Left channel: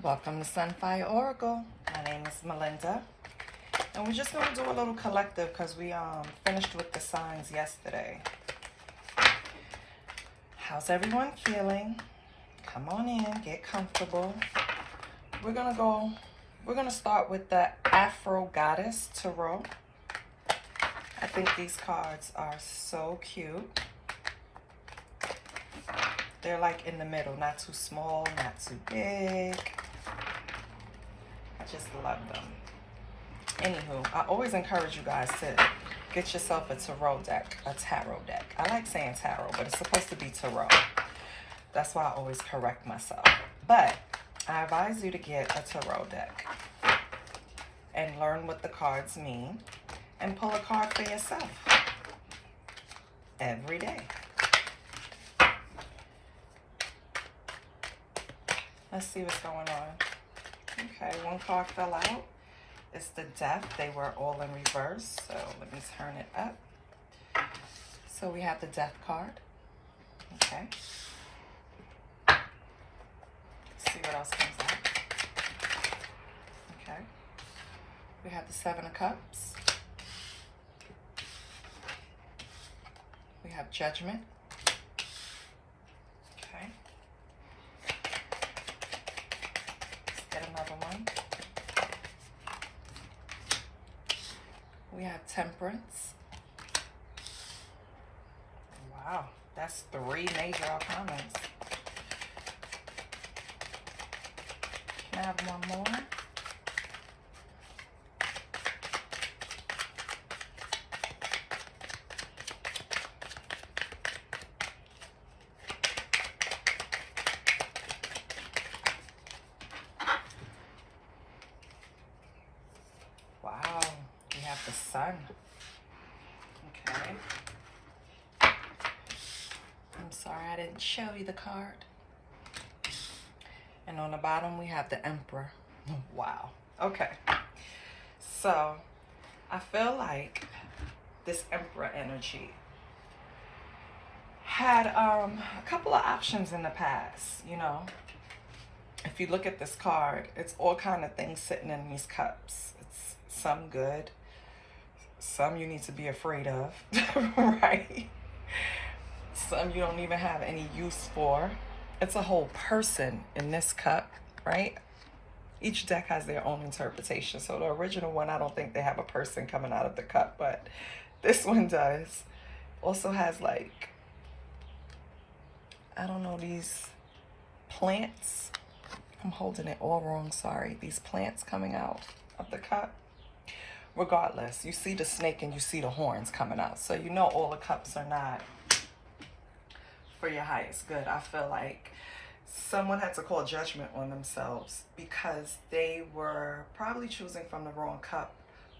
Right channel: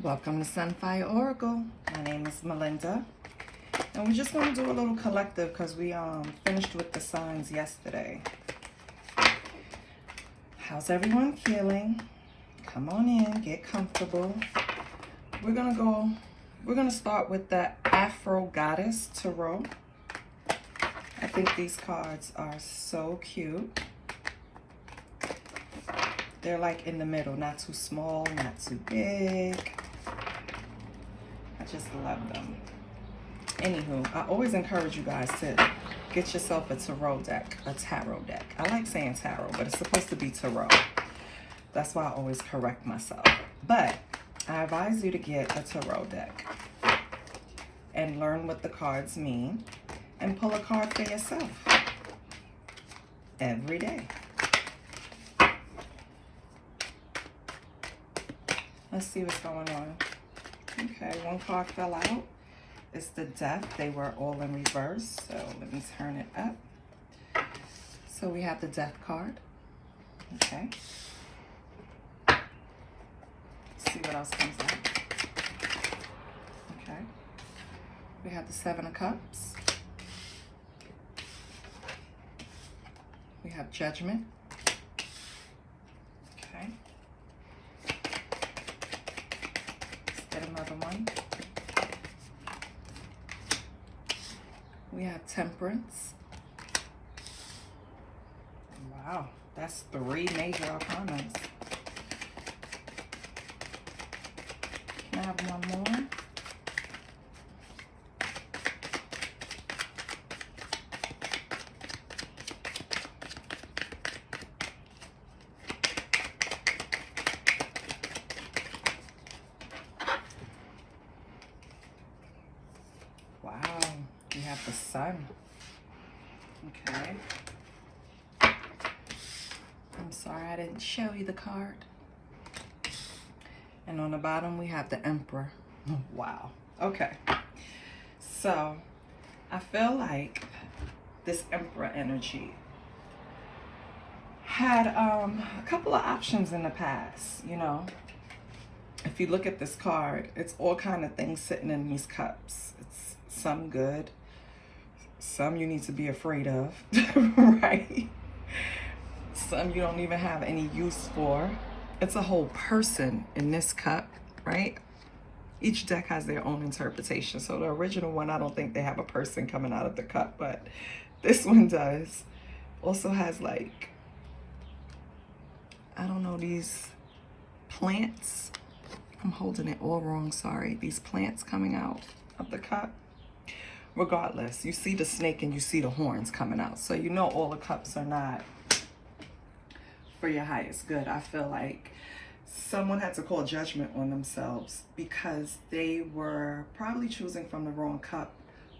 Welcome to Sunfire Oracle. My name is Melinda. And we're just going to do a little collective because we finished with the signs yesterday. How's everyone feeling? Come on in, get comfortable. We're going to start with the Afro Goddess Tarot. I think these cards are so cute. They're like in the middle, not too small, not too big. I just love them. Anywho, I always encourage you guys to get yourself a tarot deck, a tarot deck. I like saying tarot, but it's supposed to be tarot. That's why I always correct myself. But I advise you to get a tarot deck and learn what the cards mean and pull a card for yourself every day. Let's see what's going on. Okay, one card fell out. It's the Death. They were all in reverse. So let me turn it up. So we have the Death card. Okay. Let's see what else comes out. Okay. We have the Seven of Cups. We have Judgment. Okay. Another one. We have Temperance. Wow, that's 3 major arcanas. Can I have one more? Wow, we have the Sun. Okay. I'm sorry I didn't show you the card. And on the bottom we have the Emperor. Wow. Okay. So I feel like this Emperor energy had a couple of options in the past, you know. If you look at this card, it's all kind of things sitting in these cups. It's some good, some you need to be afraid of, right? Some you don't even have any use for. It's a whole person in this cup, right? Each deck has their own interpretation. So the original one, I don't think they have a person coming out of the cup, but this one does. Also has like, I don't know, these plants. I'm holding it all wrong, sorry. These plants coming out of the cup. Regardless, you see the snake and you see the horns coming out. So you know all the cups are not for your highest good. I feel like someone had to call judgment on themselves because they were probably choosing from the wrong cup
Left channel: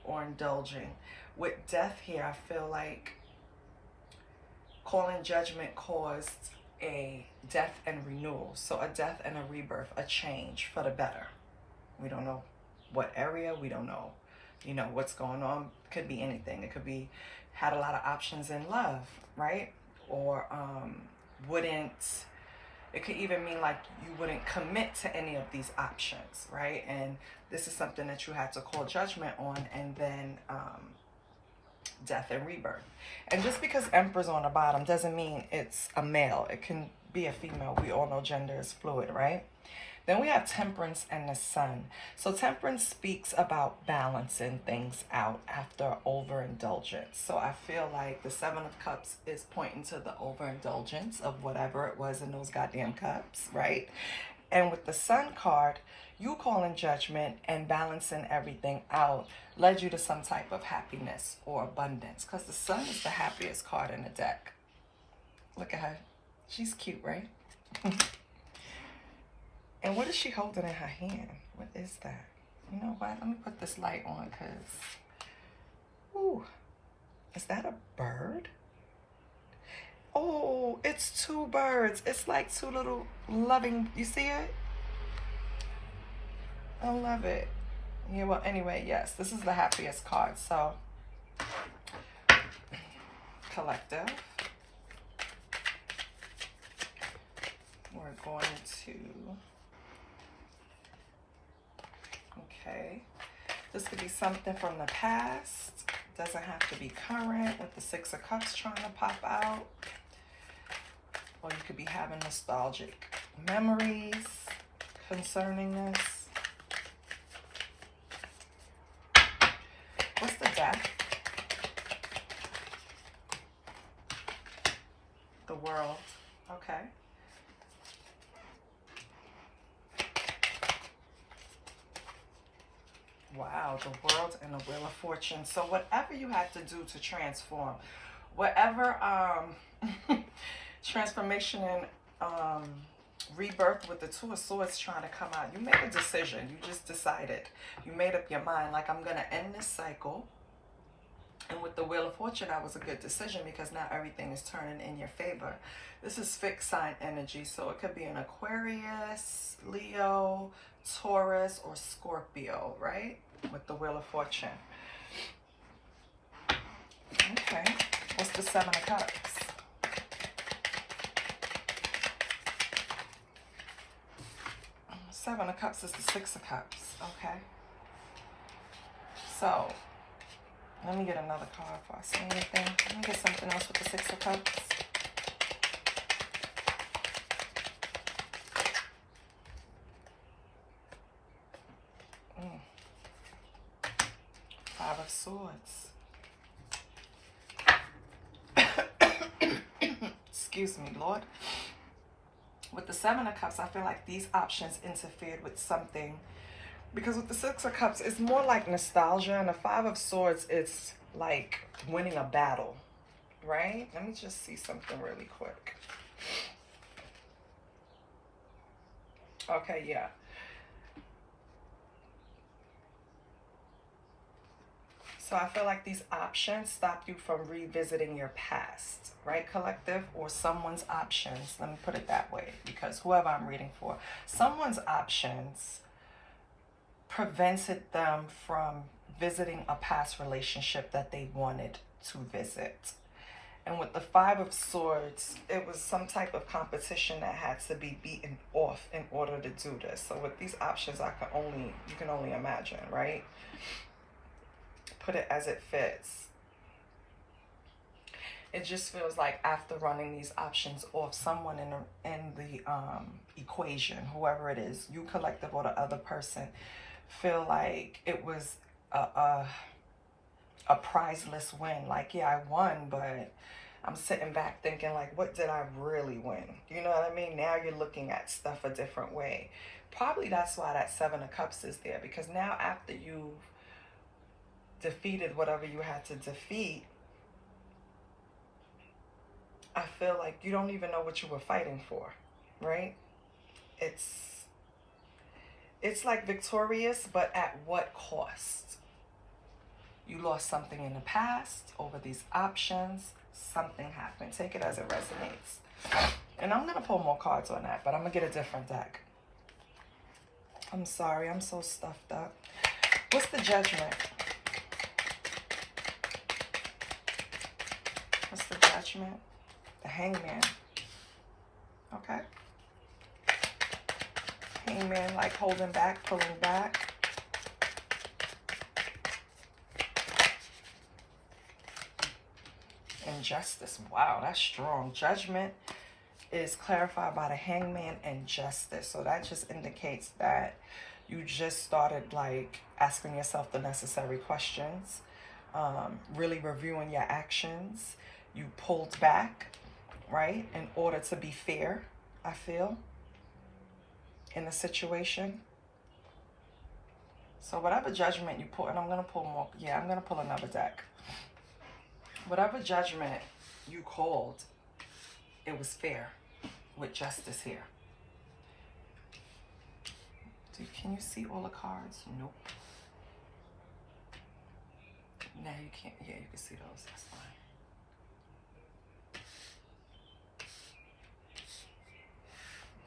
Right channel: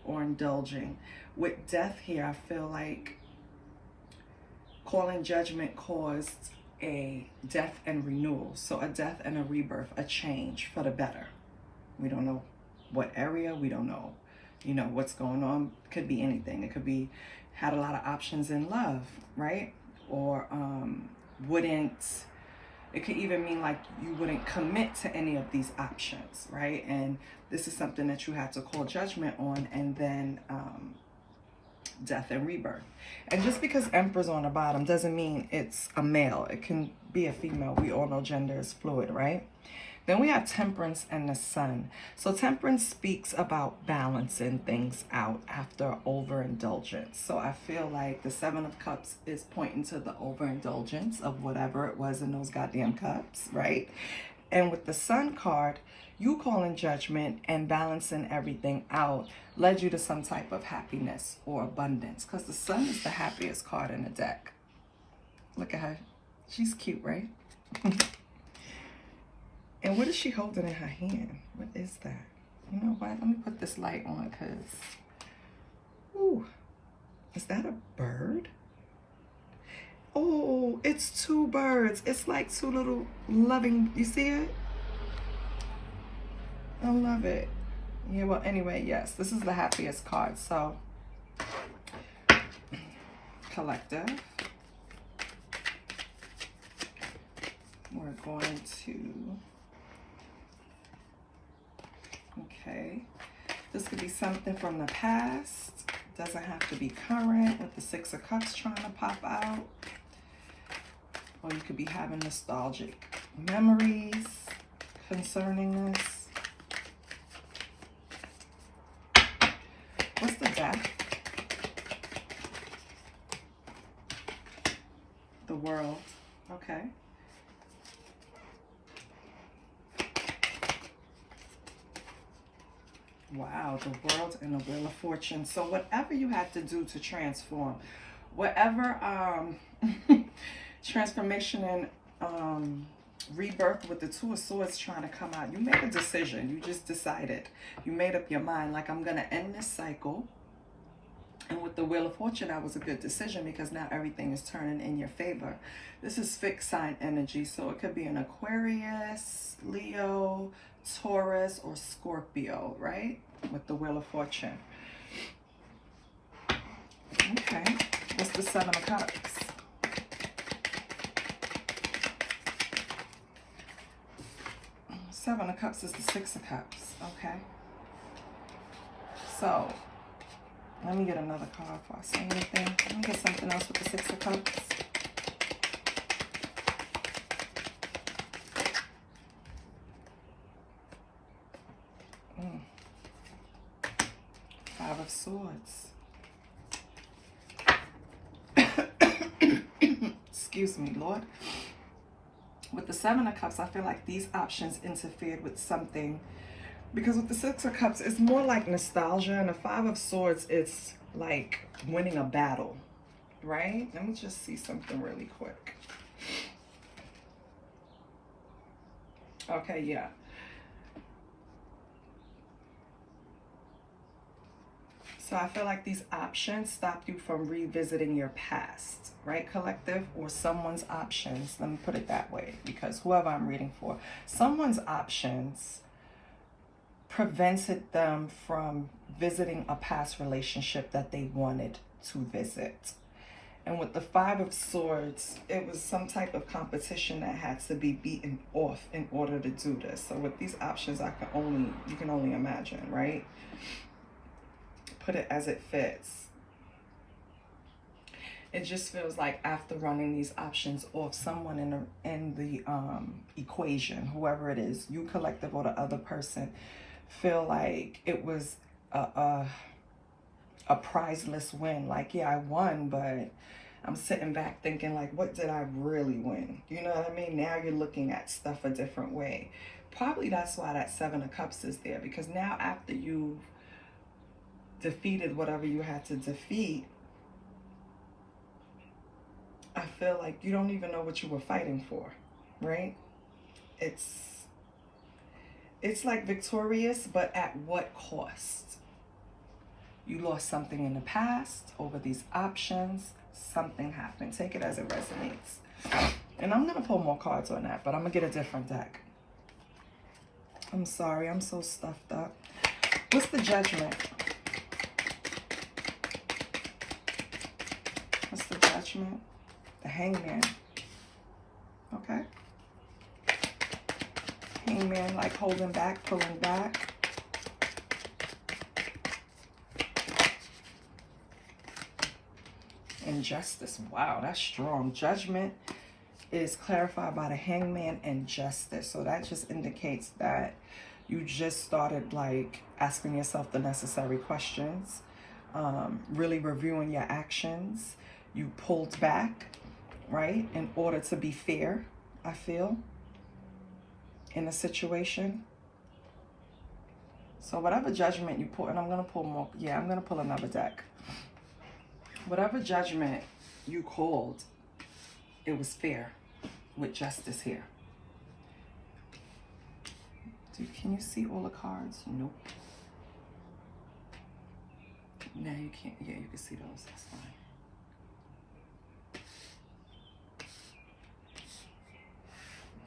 or indulging. With Death here, I feel like calling judgment caused a death and renewal. So a death and a rebirth, a change for the better. We don't know what area, we don't know, you know, what's going on. Could be anything. It could be had a lot of options in love, right? Or it could even mean like you wouldn't commit to any of these options, right? And this is something that you had to call judgment on, and then death and rebirth. And just because Emperor's on the bottom doesn't mean it's a male. It can be a female. We all know gender is fluid, right? Then we have Temperance and the Sun. So Temperance speaks about balancing things out after overindulgence. So I feel like the Seven of Cups is pointing to the overindulgence of whatever it was in those goddamn cups, right? And with the Sun card, you calling judgment and balancing everything out led you to some type of happiness or abundance, because the Sun is the happiest card in the deck. Look at her. She's cute, right? And what is she holding in her hand? What is that? You know what? Let me put this light on because, ooh, is that a bird? Oh, it's 2 birds. It's like 2 little loving, you see it? I love it. Yeah, well, anyway, yes, this is the happiest card. So, collective. We're going to be something from the past. Doesn't have to be current, with the Six of Cups trying to pop out. Or you could be having nostalgic memories concerning this. What's the Death? The World. Okay. Wow, the World and the Wheel of Fortune. So whatever you had to do to transform, whatever transformation and rebirth with the Two of Swords trying to come out, you made a decision. You just decided. You made up your mind, like, I'm going to end this cycle. And with the Wheel of Fortune, that was a good decision because now everything is turning in your favor. This is fixed sign energy, so it could be an Aquarius, Leo, Taurus, or Scorpio, right? With the Wheel of Fortune. Okay, what's the Seven of Cups? Seven of Cups is the Six of Cups, okay? So, let me get another card before I say anything. Let me get something else with the Six of Cups. Five of Swords. Excuse me, Lord. With the Seven of Cups, I feel like these options interfered with something. Because with the Six of Cups, it's more like nostalgia. And the Five of Swords, it's like winning a battle, right? Let me just see something really quick. Okay, yeah. So I feel like these options stop you from revisiting your past, right, collective? Or someone's options. Let me put it that way, because whoever I'm reading for, someone's options prevented them from visiting a past relationship that they wanted to visit. And with the Five of Swords, it was some type of competition that had to be beaten off in order to do this. So with these options, you can only imagine, right? Put it as it fits. It just feels like after running these options off, someone in the equation, whoever it is, you collective or the other person, feel like it was a prizeless win. Like, yeah, I won, but I'm sitting back thinking, like, what did I really win? You know what I mean? Now you're looking at stuff a different way. Probably that's why that Seven of Cups is there, because now after you've defeated whatever you had to defeat, I feel like you don't even know what you were fighting for, right? It's like victorious, but at what cost? You lost something in the past over these options. Something happened. Take it as it resonates. And I'm going to pull more cards on that, but I'm going to get a different deck. I'm sorry. I'm so stuffed up. What's the Judgment? What's the Judgment? The Hangman. Okay. Hangman, like holding back, pulling back. Injustice. Wow, that's strong. Judgment is clarified by the Hangman and Justice. So that just indicates that you just started like asking yourself the necessary questions, really reviewing your actions. You pulled back, right, in order to be fair, I feel, in the situation. So whatever judgment you pull, and I'm going to pull more, yeah, I'm going to pull another deck. Whatever judgment you called, it was fair with justice here. Can you see all the cards? Nope. No, you can't. Yeah, you can see those. That's fine.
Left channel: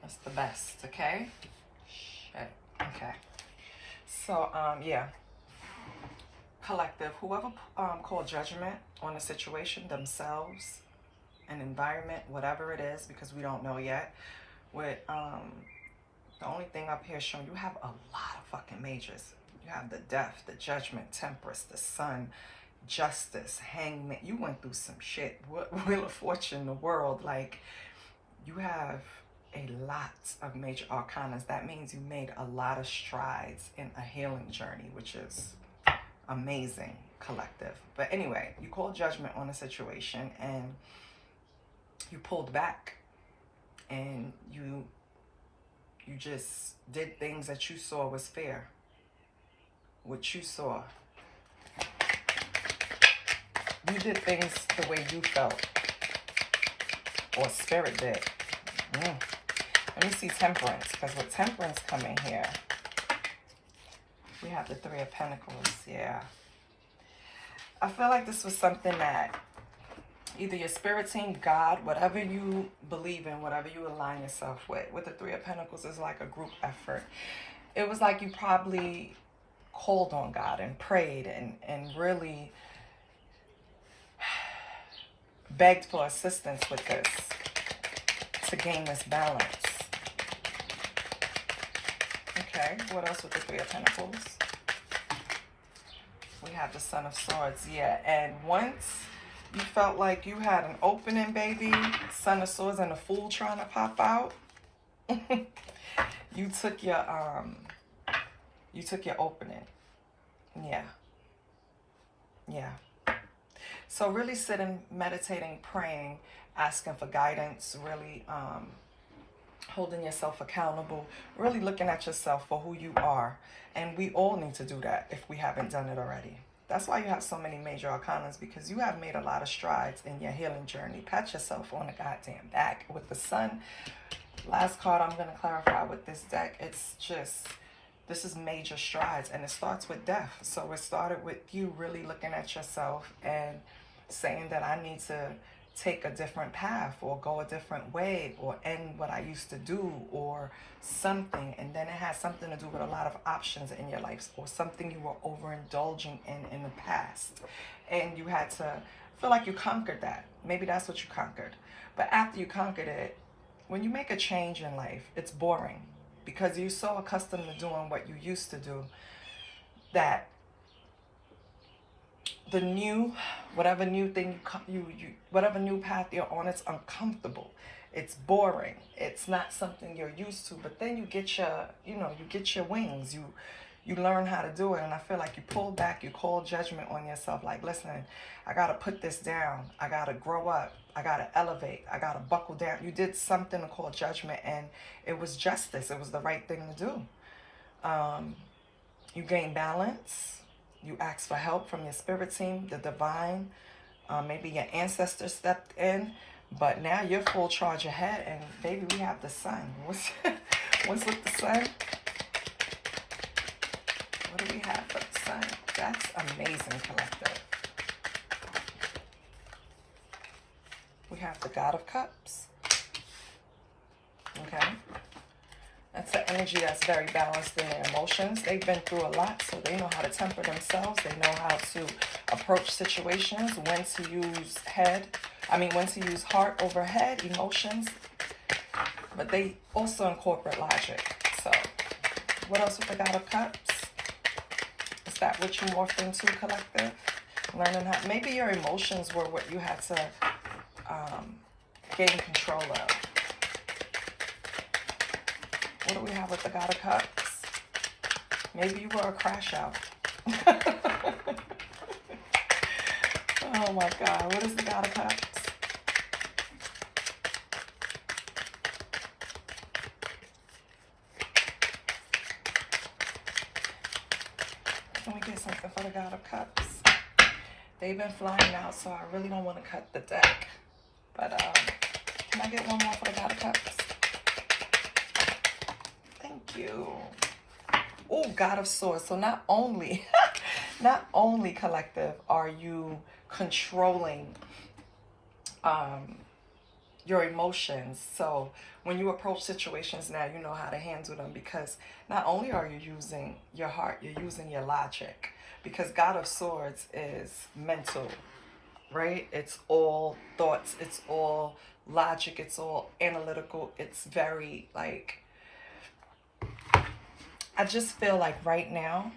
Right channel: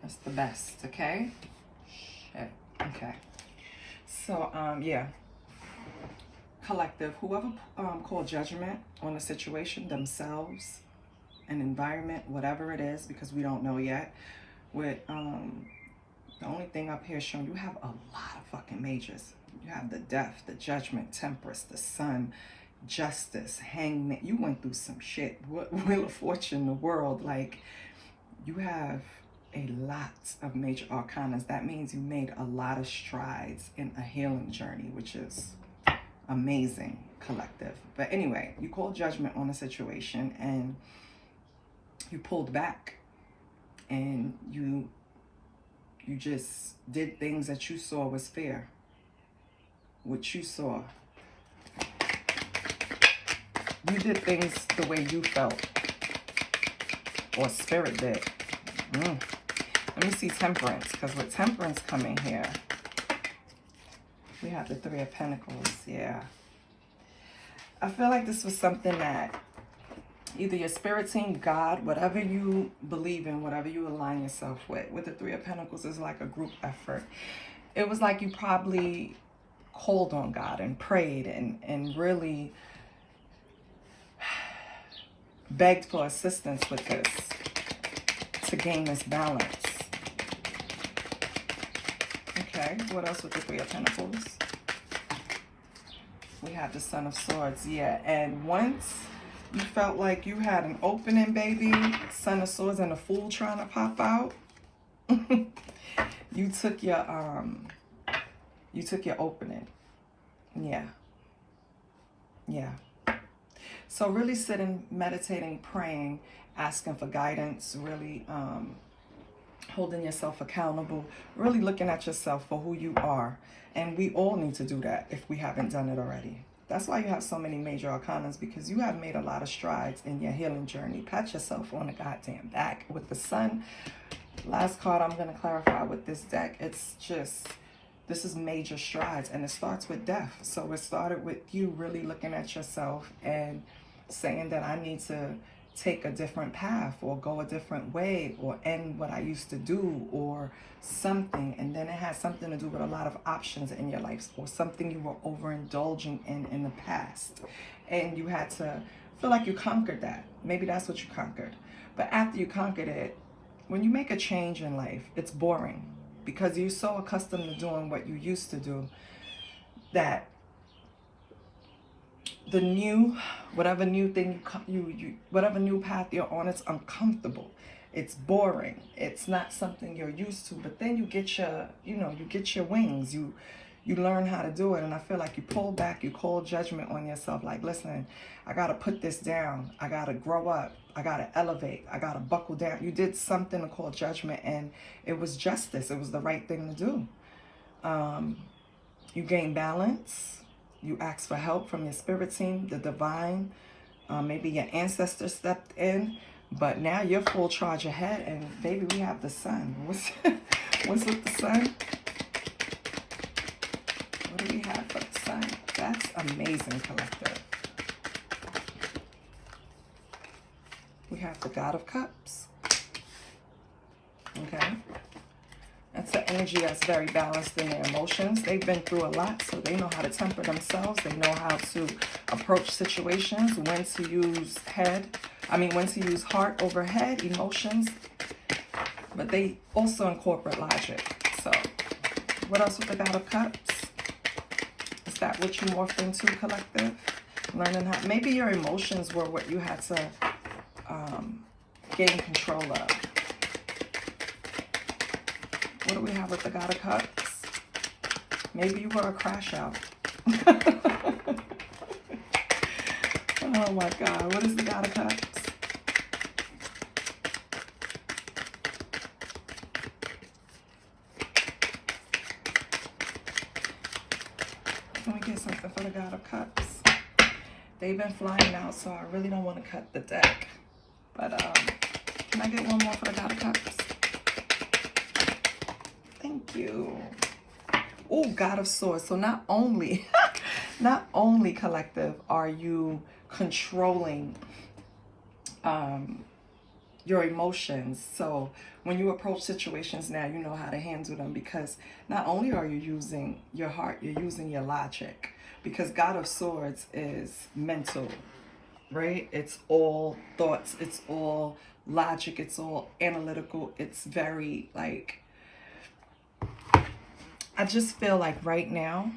That's the best, okay? Shit. Okay. So, yeah. Collective, whoever called judgment on the situation, themselves, an environment, whatever it is, because we don't know yet, with The only thing up here showing you have a lot of fucking majors. You have the death, the judgment, temperance, the sun, justice, hangman. You went through some shit. Wheel of Fortune, the world. Like, you have a lot of major arcanas. That means you made a lot of strides in a healing journey, which is amazing, collective. But anyway, you called judgment on a situation and you pulled back, and you just did things that you saw was fair. What you saw. You did things the way you felt, or spirit did. Let me see temperance, because with temperance coming here, we have the Three of Pentacles. Yeah. I feel like this was something that either your spirit team, God, whatever you believe in, whatever you align yourself with the Three of Pentacles is like a group effort. It was like you probably called on God and prayed and really begged for assistance with this to gain this balance. Okay, what else with the Three of Pentacles? We have the Son of Swords. Yeah, and once you felt like you had an opening, baby, Son of Swords and a Fool trying to pop out, you took your opening. Yeah. Yeah. So really sitting, meditating, praying, asking for guidance, really holding yourself accountable, really looking at yourself for who you are. And we all need to do that if we haven't done it already. That's why you have so many major arcanas, because you have made a lot of strides in your healing journey. Pat yourself on the goddamn back. With the Sun, last card I'm going to clarify with this deck, it's just, this is major strides, and it starts with death. So it started with you really looking at yourself and saying that I need to take a different path, or go a different way, or end what I used to do, or something. And then it has something to do with a lot of options in your life, or something you were overindulging in the past, and you had to feel like you conquered that. Maybe that's what you conquered. But after you conquered it, when you make a change in life, it's boring, because you're so accustomed to doing what you used to do that the new, whatever new thing whatever new path you're on, it's uncomfortable, it's boring, it's not something you're used to. But then you get your, you get your wings, you learn how to do it. And I feel like you pull back, you call judgment on yourself, like, listen, I gotta put this down, I gotta grow up, I gotta elevate, I gotta buckle down. You did something to call judgment, and it was justice, it was the right thing to do. You gain balance. You ask for help from your spirit team, the divine. Maybe your ancestors stepped in, but now you're full charge ahead. And baby, we have the Sun. What's with the Sun? What do we have for the Sun? That's amazing, collective. We have the God of Cups. Okay. That's an energy that's very balanced in their emotions. They've been through a lot, so they know how to temper themselves. They know how to approach situations, when to use when to use heart over head, emotions. But they also incorporate logic. So, what else with the God of Cups? Is that what you morphed into, collective? Learning how, maybe your emotions were what you had to gain control of. What do we have with the God of Cups? Maybe you were a crash out. Oh my God, what is the God of Cups? Let me get something for the God of Cups. They've been flying out, so I really don't want to cut the deck. But can I get one more for the God of Cups? Thank you. Oh, God of Swords. So not only collective are you controlling your emotions. So when you approach situations now, you know how to handle them, because not only are you using your heart, you're using your logic, because God of Swords is mental, right? It's all thoughts, it's all logic, it's all analytical, it's very like I just feel like right now,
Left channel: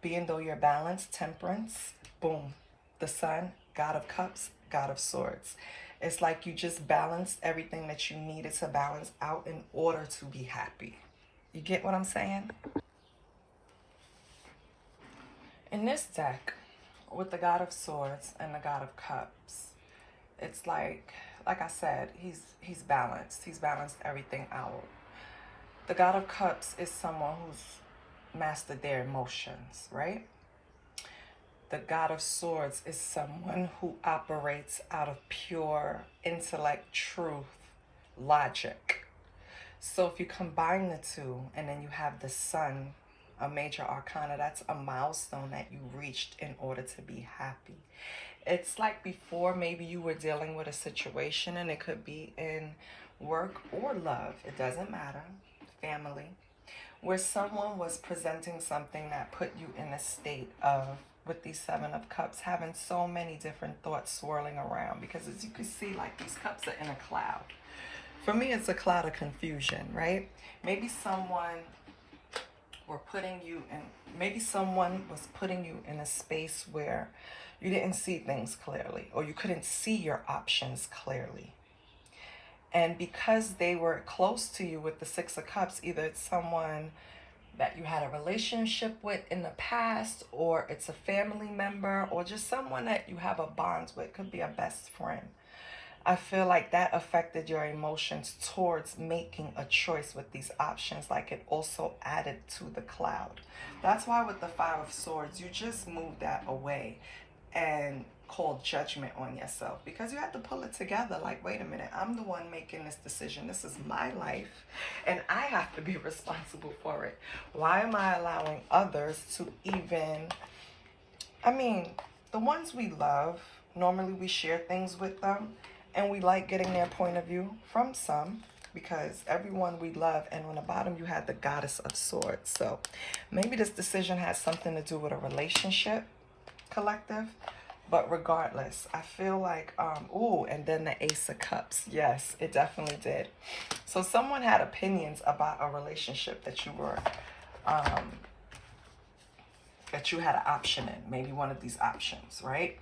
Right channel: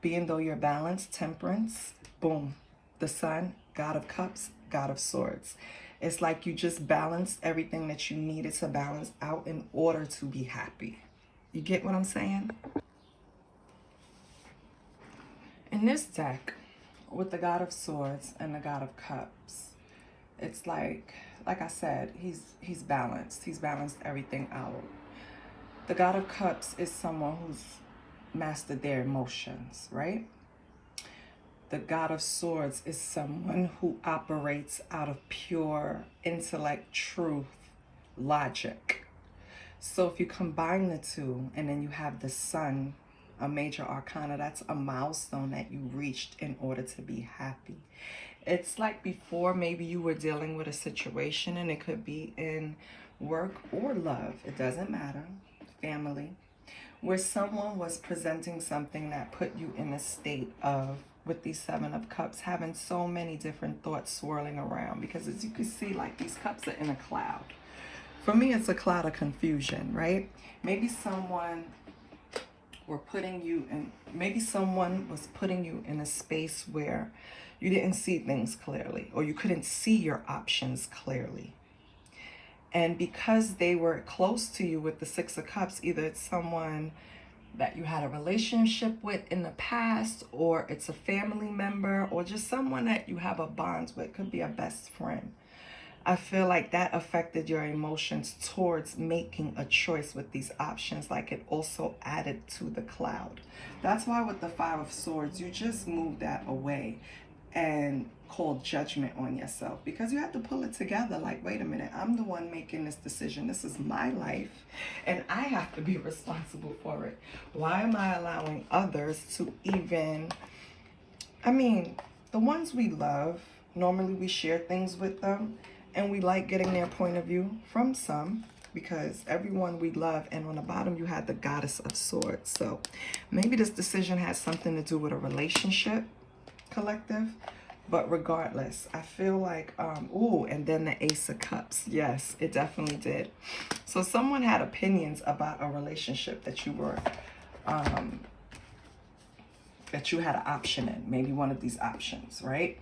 being though you're balanced, temperance, boom, the sun, God of cups, God of swords. It's like you just balanced everything that you needed to balance out in order to be happy. You get what I'm saying? In this deck, with the God of swords and the God of cups, it's like I said, he's balanced. He's balanced everything out. The God of cups is someone who's mastered their emotions, right? The God of swords is someone who operates out of pure intellect, truth, logic. So if you combine the two, and then you have the sun, a major arcana, that's a milestone that you reached in order to be happy. It's like before, maybe you were dealing with a situation, and it could be in work or love, it doesn't matter, family, where someone was presenting something that put you in a state of, with these Seven of Cups, having so many different thoughts swirling around. Because as you can see, like, these cups are in a cloud. For me, it's a cloud of confusion, right? Maybe someone was putting you in a space where you didn't see things clearly, or you couldn't see your options clearly. And because they were close to you with the Six of Cups, either it's someone that you had a relationship with in the past, or it's a family member, or just someone that you have a bond with, could be a best friend. I feel like that affected your emotions towards making a choice with these options, like it also added to the cloud. That's why with the Five of Swords, you just moved that away and called judgment on yourself, because you had to pull it together. Like, wait a minute, I'm the one making this decision. This is my life, and I have to be responsible for it. Why am I allowing others to even, I mean, the ones we love, normally we share things with them, and we like getting their point of view from some, because everyone we love. And on the bottom, you have the Goddess of Swords. So maybe this decision has something to do with a relationship, collective. But regardless, I feel like, and then the Ace of Cups. Yes, it definitely did. So someone had opinions about a relationship that you were, that you had an option in, maybe one of these options, right?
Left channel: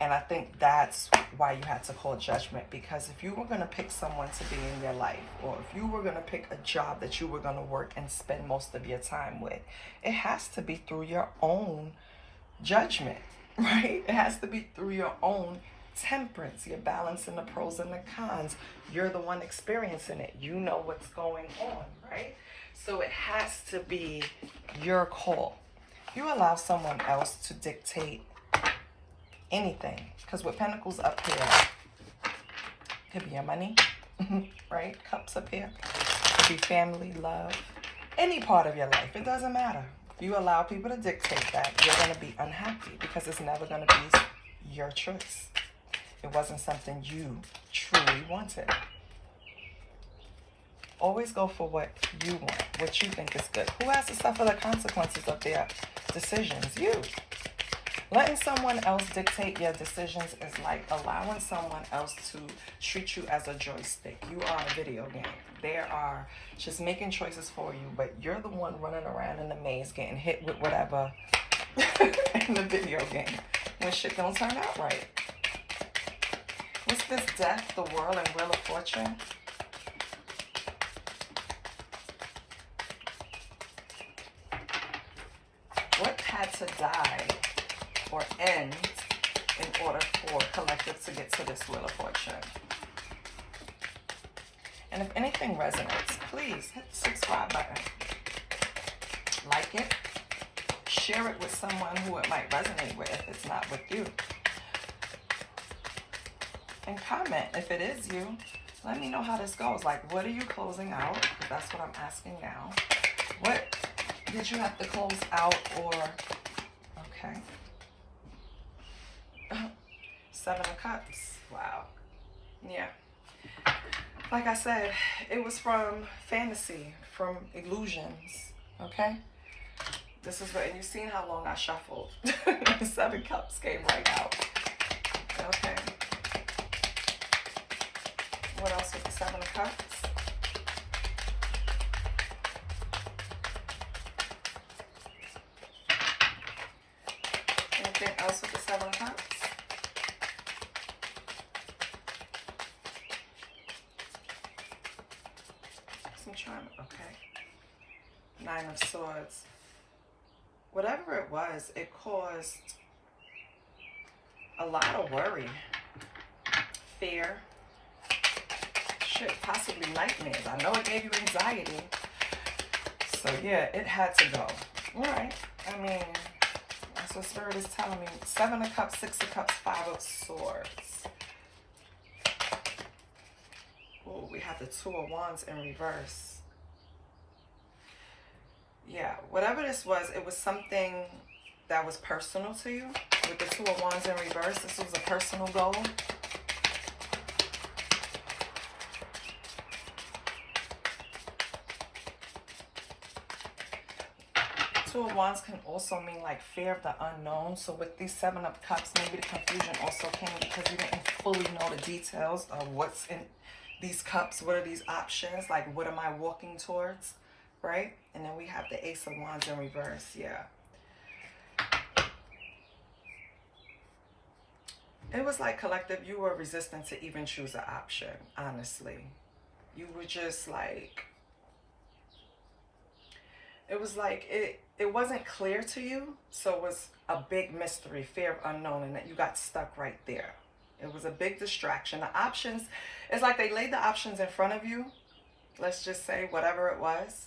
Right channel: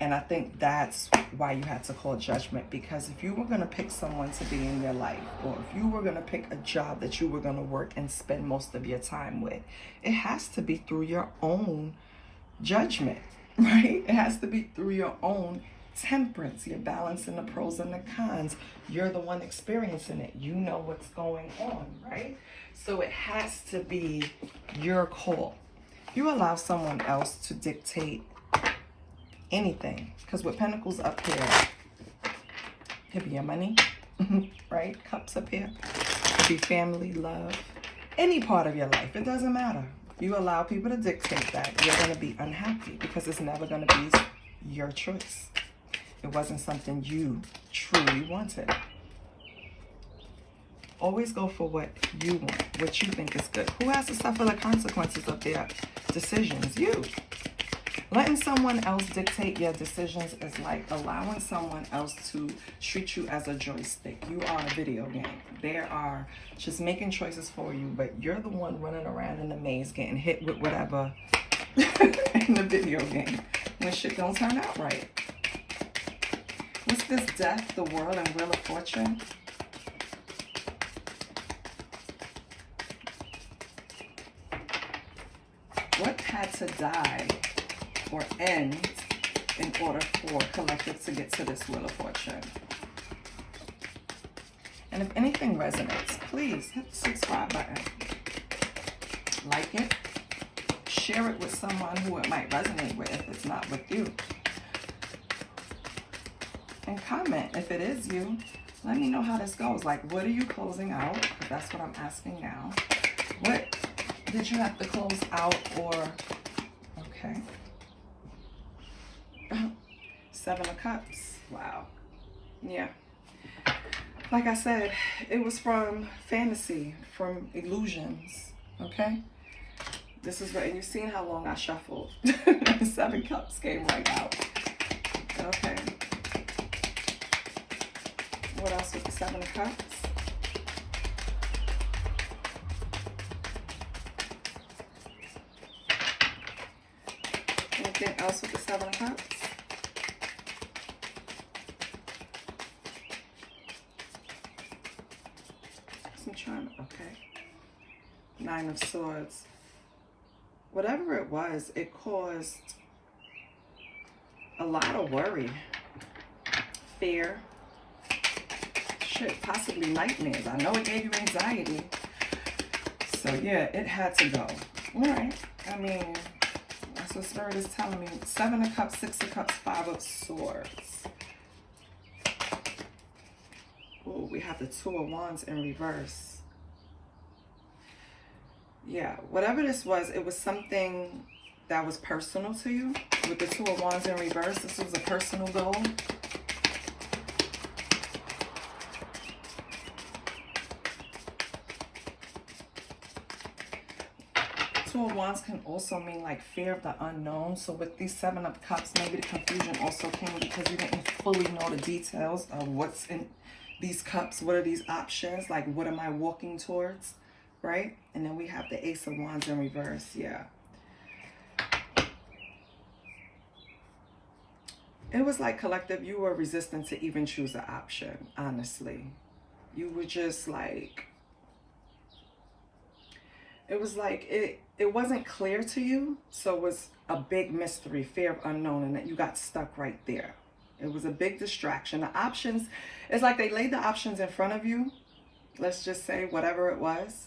And I think that's why you had to call judgment, because if you were going to pick someone to be in your life, or if you were going to pick a job that you were going to work and spend most of your time with, it has to be through your own judgment, right? It has to be through your own temperance. You're balancing the pros and the cons. You're the one experiencing it. You know what's going on, right? So it has to be your call. You allow someone else to dictate anything, because with Pentacles up here, could be your money, right? Cups up here, could be family, love, any part of your life. It doesn't matter. You allow people to dictate that, you're going to be unhappy, because it's never going to be your choice. It wasn't something you truly wanted. Always go for what you want, what you think is good. Who has to suffer the consequences of their decisions? You. Letting someone else dictate your decisions is like allowing someone else to treat you as a joystick. You are a video game. They are just making choices for you, but you're the one running around in the maze getting hit with whatever in the video game when shit don't turn out right. What's this? Death, the World, and Wheel of Fortune? What had to die or end in order for collective to get to this Wheel of Fortune? And if anything resonates, please hit the subscribe button. Like it. Share it with someone who it might resonate with if it's not with you. And comment if it is you. Let me know how this goes. Like, what are you closing out? Because that's what I'm asking now. What did you have to close out, or... Okay. Seven of Cups. Wow. Yeah. Like I said, it was from fantasy, from illusions. Okay? This is what, and you've seen how long I shuffled. Seven Cups came right out. Okay. What else with the Seven of Cups? Anything else with the Seven of Cups? Some charm. Okay. Nine of Swords. Whatever it was, it caused a lot of worry, fear, shit, possibly nightmares. I know it gave you anxiety. So yeah, it had to go. All right. I mean, that's what Spirit is telling me. Seven of Cups, Six of Cups, Five of Swords. Oh, we have the Two of Wands in reverse. Yeah, whatever this was, it was something that was personal to you. With the Two of Wands in reverse, this was a personal goal. Two of Wands can also mean like fear of the unknown. So with these Seven of Cups, maybe the confusion also came because you didn't fully know the details of what's in these cups. What are these options? Like, what am I walking towards? Right? And then we have the Ace of Wands in reverse. Yeah. It was like, collective, you were resistant to even choose an option, honestly. You were just like, it was like, it wasn't clear to you. So it was a big mystery, fear of unknown, and that you got stuck right there. It was a big distraction. The options, it's like they laid the options in front of you. Let's just say whatever it was.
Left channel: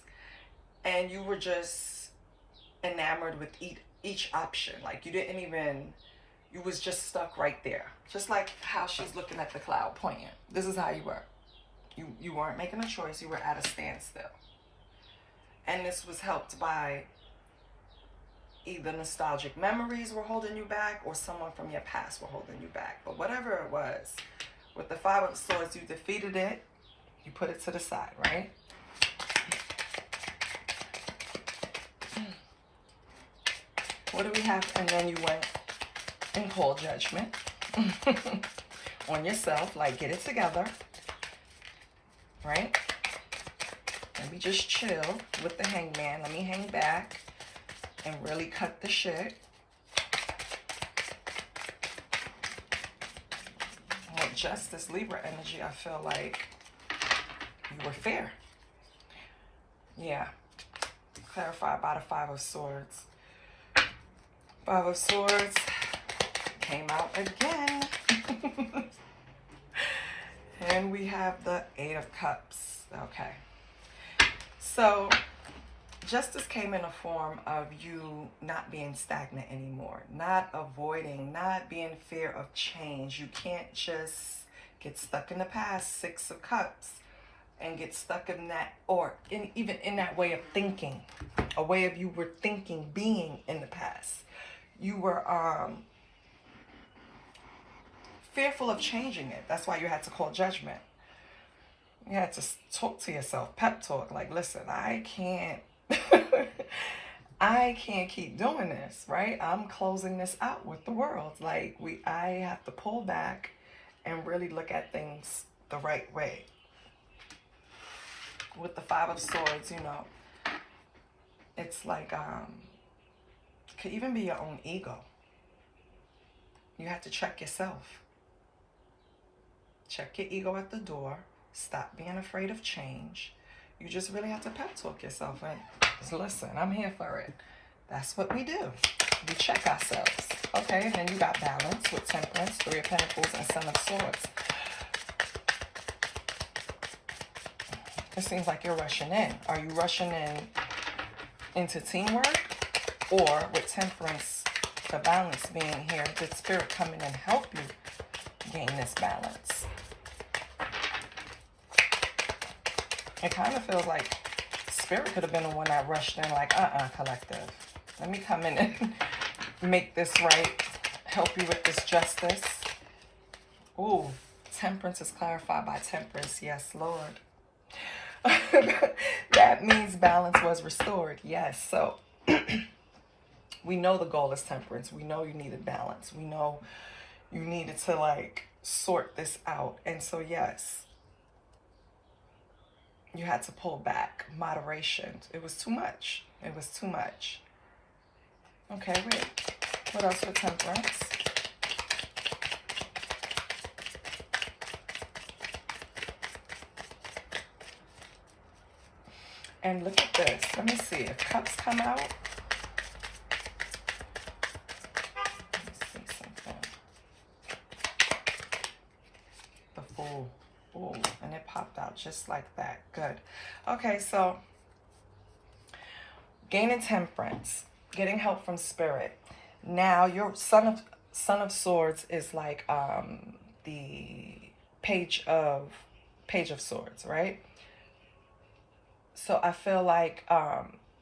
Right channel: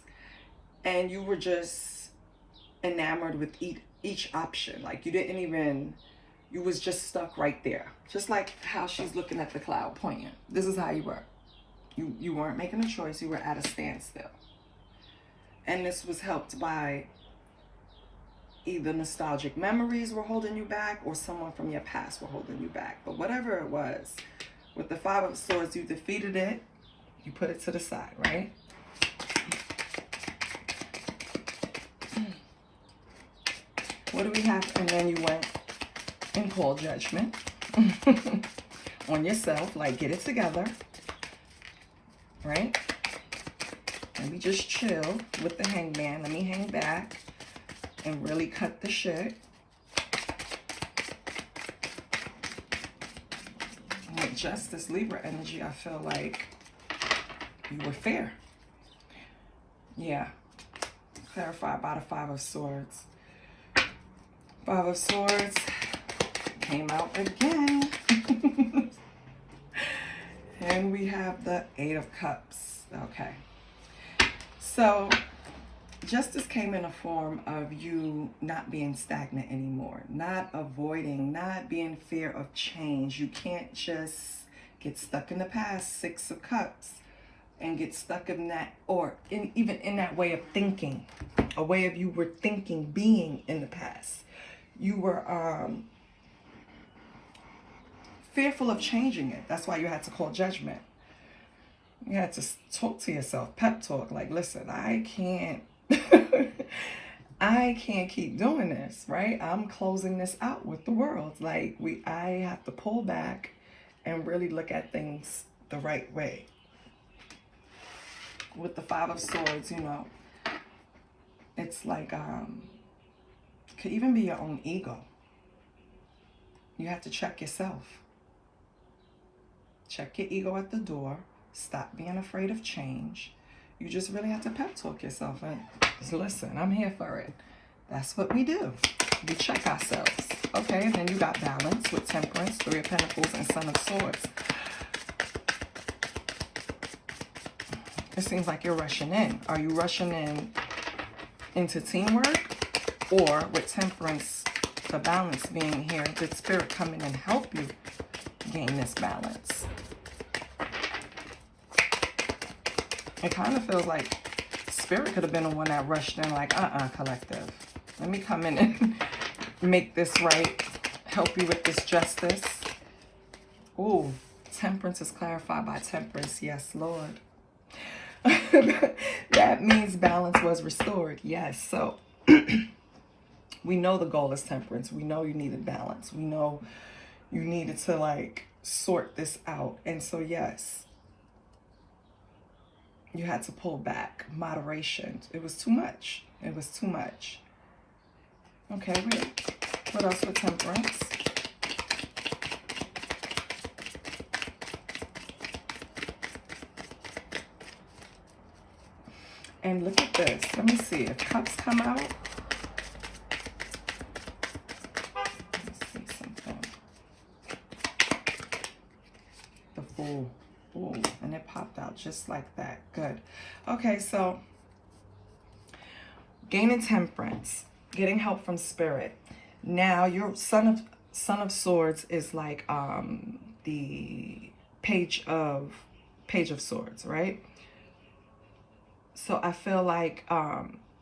And you were just enamored with each option. Like you didn't even, you was just stuck right there. Just like how she's looking at the cloud pointing. This is how you were. You weren't making a choice. You were at a standstill. And this was helped by either nostalgic memories were holding you back or someone from your past were holding you back. But whatever it was, with the Five of Swords, you defeated it. You put it to the side, right? What do we have? And then you went and called judgment on yourself. Like, get it together, right? Let me just chill with the Hangman. Let me hang back and really cut the shit. And with Justice, Libra energy, I feel like you were fair. Yeah. Clarified by the Five of Swords. Five of Swords came out again. And we have the Eight of Cups. Okay. So, justice came in a form of you not being stagnant anymore. Not avoiding, not being fear of change. You can't just get stuck in the past. Six of Cups. And get stuck in that, or even in that way of thinking. A way of you were thinking, being in the past. You were fearful of changing it. That's why you had to call judgment. You had to talk to yourself, pep talk, like, listen, I can't keep doing this, right? I'm closing this out with the world. Like, I have to pull back and really look at things the right way. With the Five of Swords, you know, it's like, it could even be your own ego. You have to check yourself. Check your ego at the door. Stop being afraid of change. You just really have to pep talk yourself and just listen, I'm here for it. That's what we do. We check ourselves. Okay, and then you got balance with Temperance, Three of Pentacles, and Son of Swords. It seems like you're rushing in. Are you rushing into teamwork? Or with Temperance, the balance being here, did Spirit come in and help you gain this balance? It kind of feels like Spirit could have been the one that rushed in, like, collective. Let me come in and make this right. Help you with this justice. Ooh, Temperance is clarified by Temperance. Yes, Lord. That means balance was restored. Yes, so we know the goal is Temperance. We know you needed balance. We know you needed to, like, sort this out. And so, yes, you had to pull back. Moderation. It was too much. It was too much. Okay, wait. What else with temperance? And look at this. Let me see if cups come out. Let me see something. The Fool. Ooh, and it popped out just like that. Good. Okay, so gaining temperance, getting help from spirit. Now your Son of Swords is like the Page of Swords, right? So I feel like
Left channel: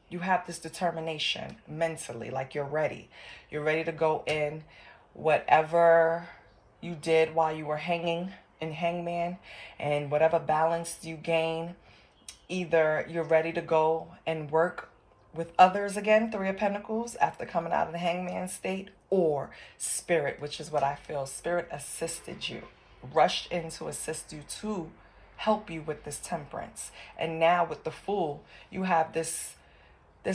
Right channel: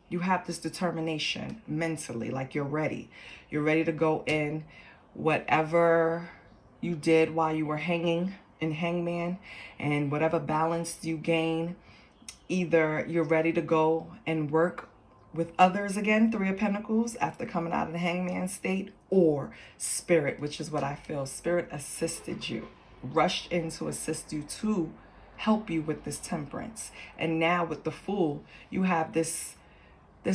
you have this determination mentally, like you're ready. You're ready to go in. Whatever you did while you were hanging in Hangman, and whatever balance you gain, either you're ready to go and work with others again, Three of Pentacles, after coming out of the Hangman state, or Spirit, which is what I feel. Spirit assisted you, rushed in to assist you to help you with this temperance. And now with the Fool, you have this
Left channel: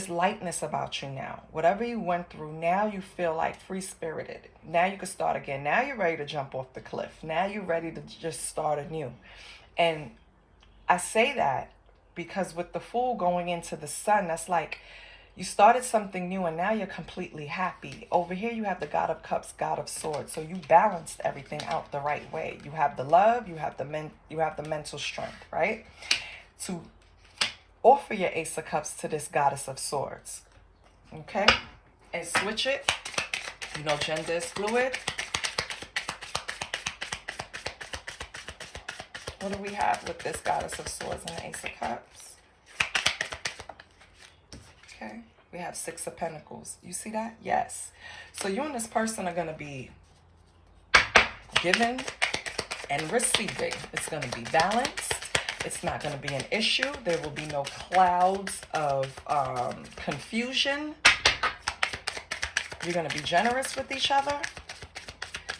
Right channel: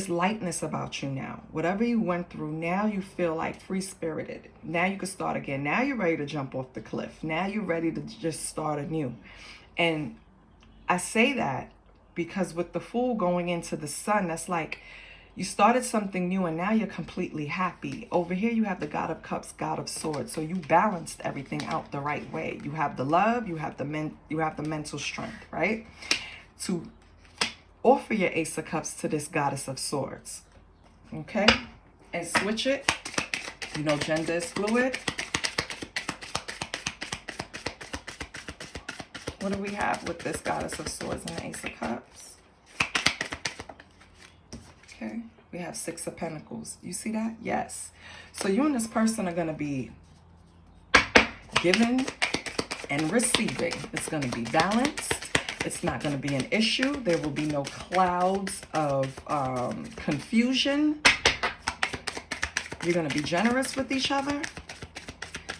lightness about you now. Whatever you went through, now you feel like free-spirited. Now you can start again. Now you're ready to jump off the cliff. Now you're ready to just start anew. And I say that because with the Fool going into the Sun, that's like you started something new and now you're completely happy. Over here you have the God of Cups, God of Swords. So you balanced everything out the right way. You have the love, you have the mental strength, right? To offer your Ace of Cups to this Goddess of Swords. Okay? And switch it. You know, gender is fluid. What do we have with this Goddess of Swords and the Ace of Cups? Okay, we have Six of Pentacles. You see that? Yes. So you and this person are going to be giving and receiving. It's going to be balanced. It's not going to be an issue. There will be no clouds of confusion. You're going to be generous with each other.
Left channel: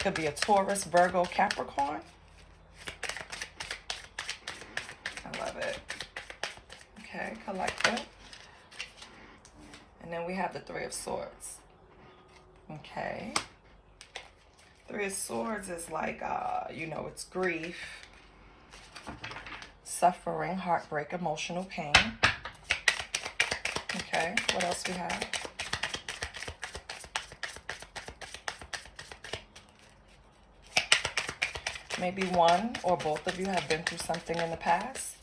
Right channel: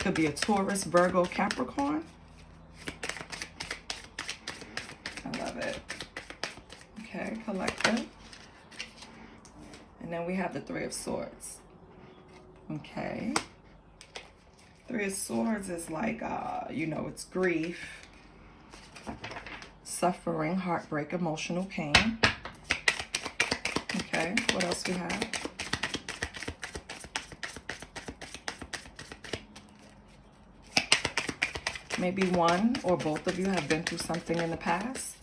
Could be a Taurus, Virgo, Capricorn. I love it. Okay, collective. And then we have the Three of Swords. Okay. Three of Swords is like, you know, it's grief, suffering, heartbreak, emotional pain. Okay, what else we have? Maybe one or both of you have been through something in the past.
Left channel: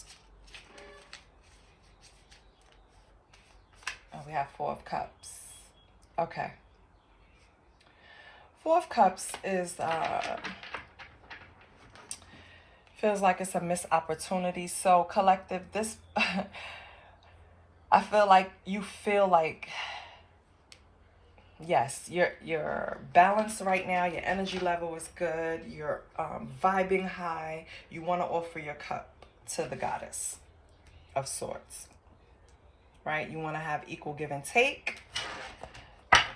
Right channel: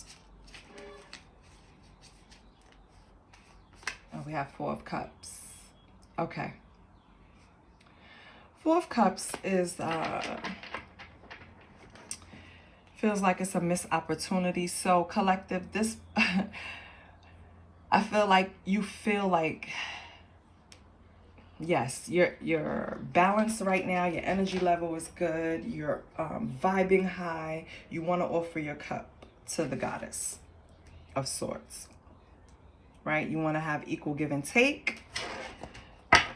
We have Four of Cups. Okay. Four of Cups is, feels like it's a missed opportunity. So collective, this, I feel like you feel like, yes, you're balanced right now. Your energy level is good. You're vibing high. You want to offer your cup to the Goddess of Swords. Right? You want to have equal give and take.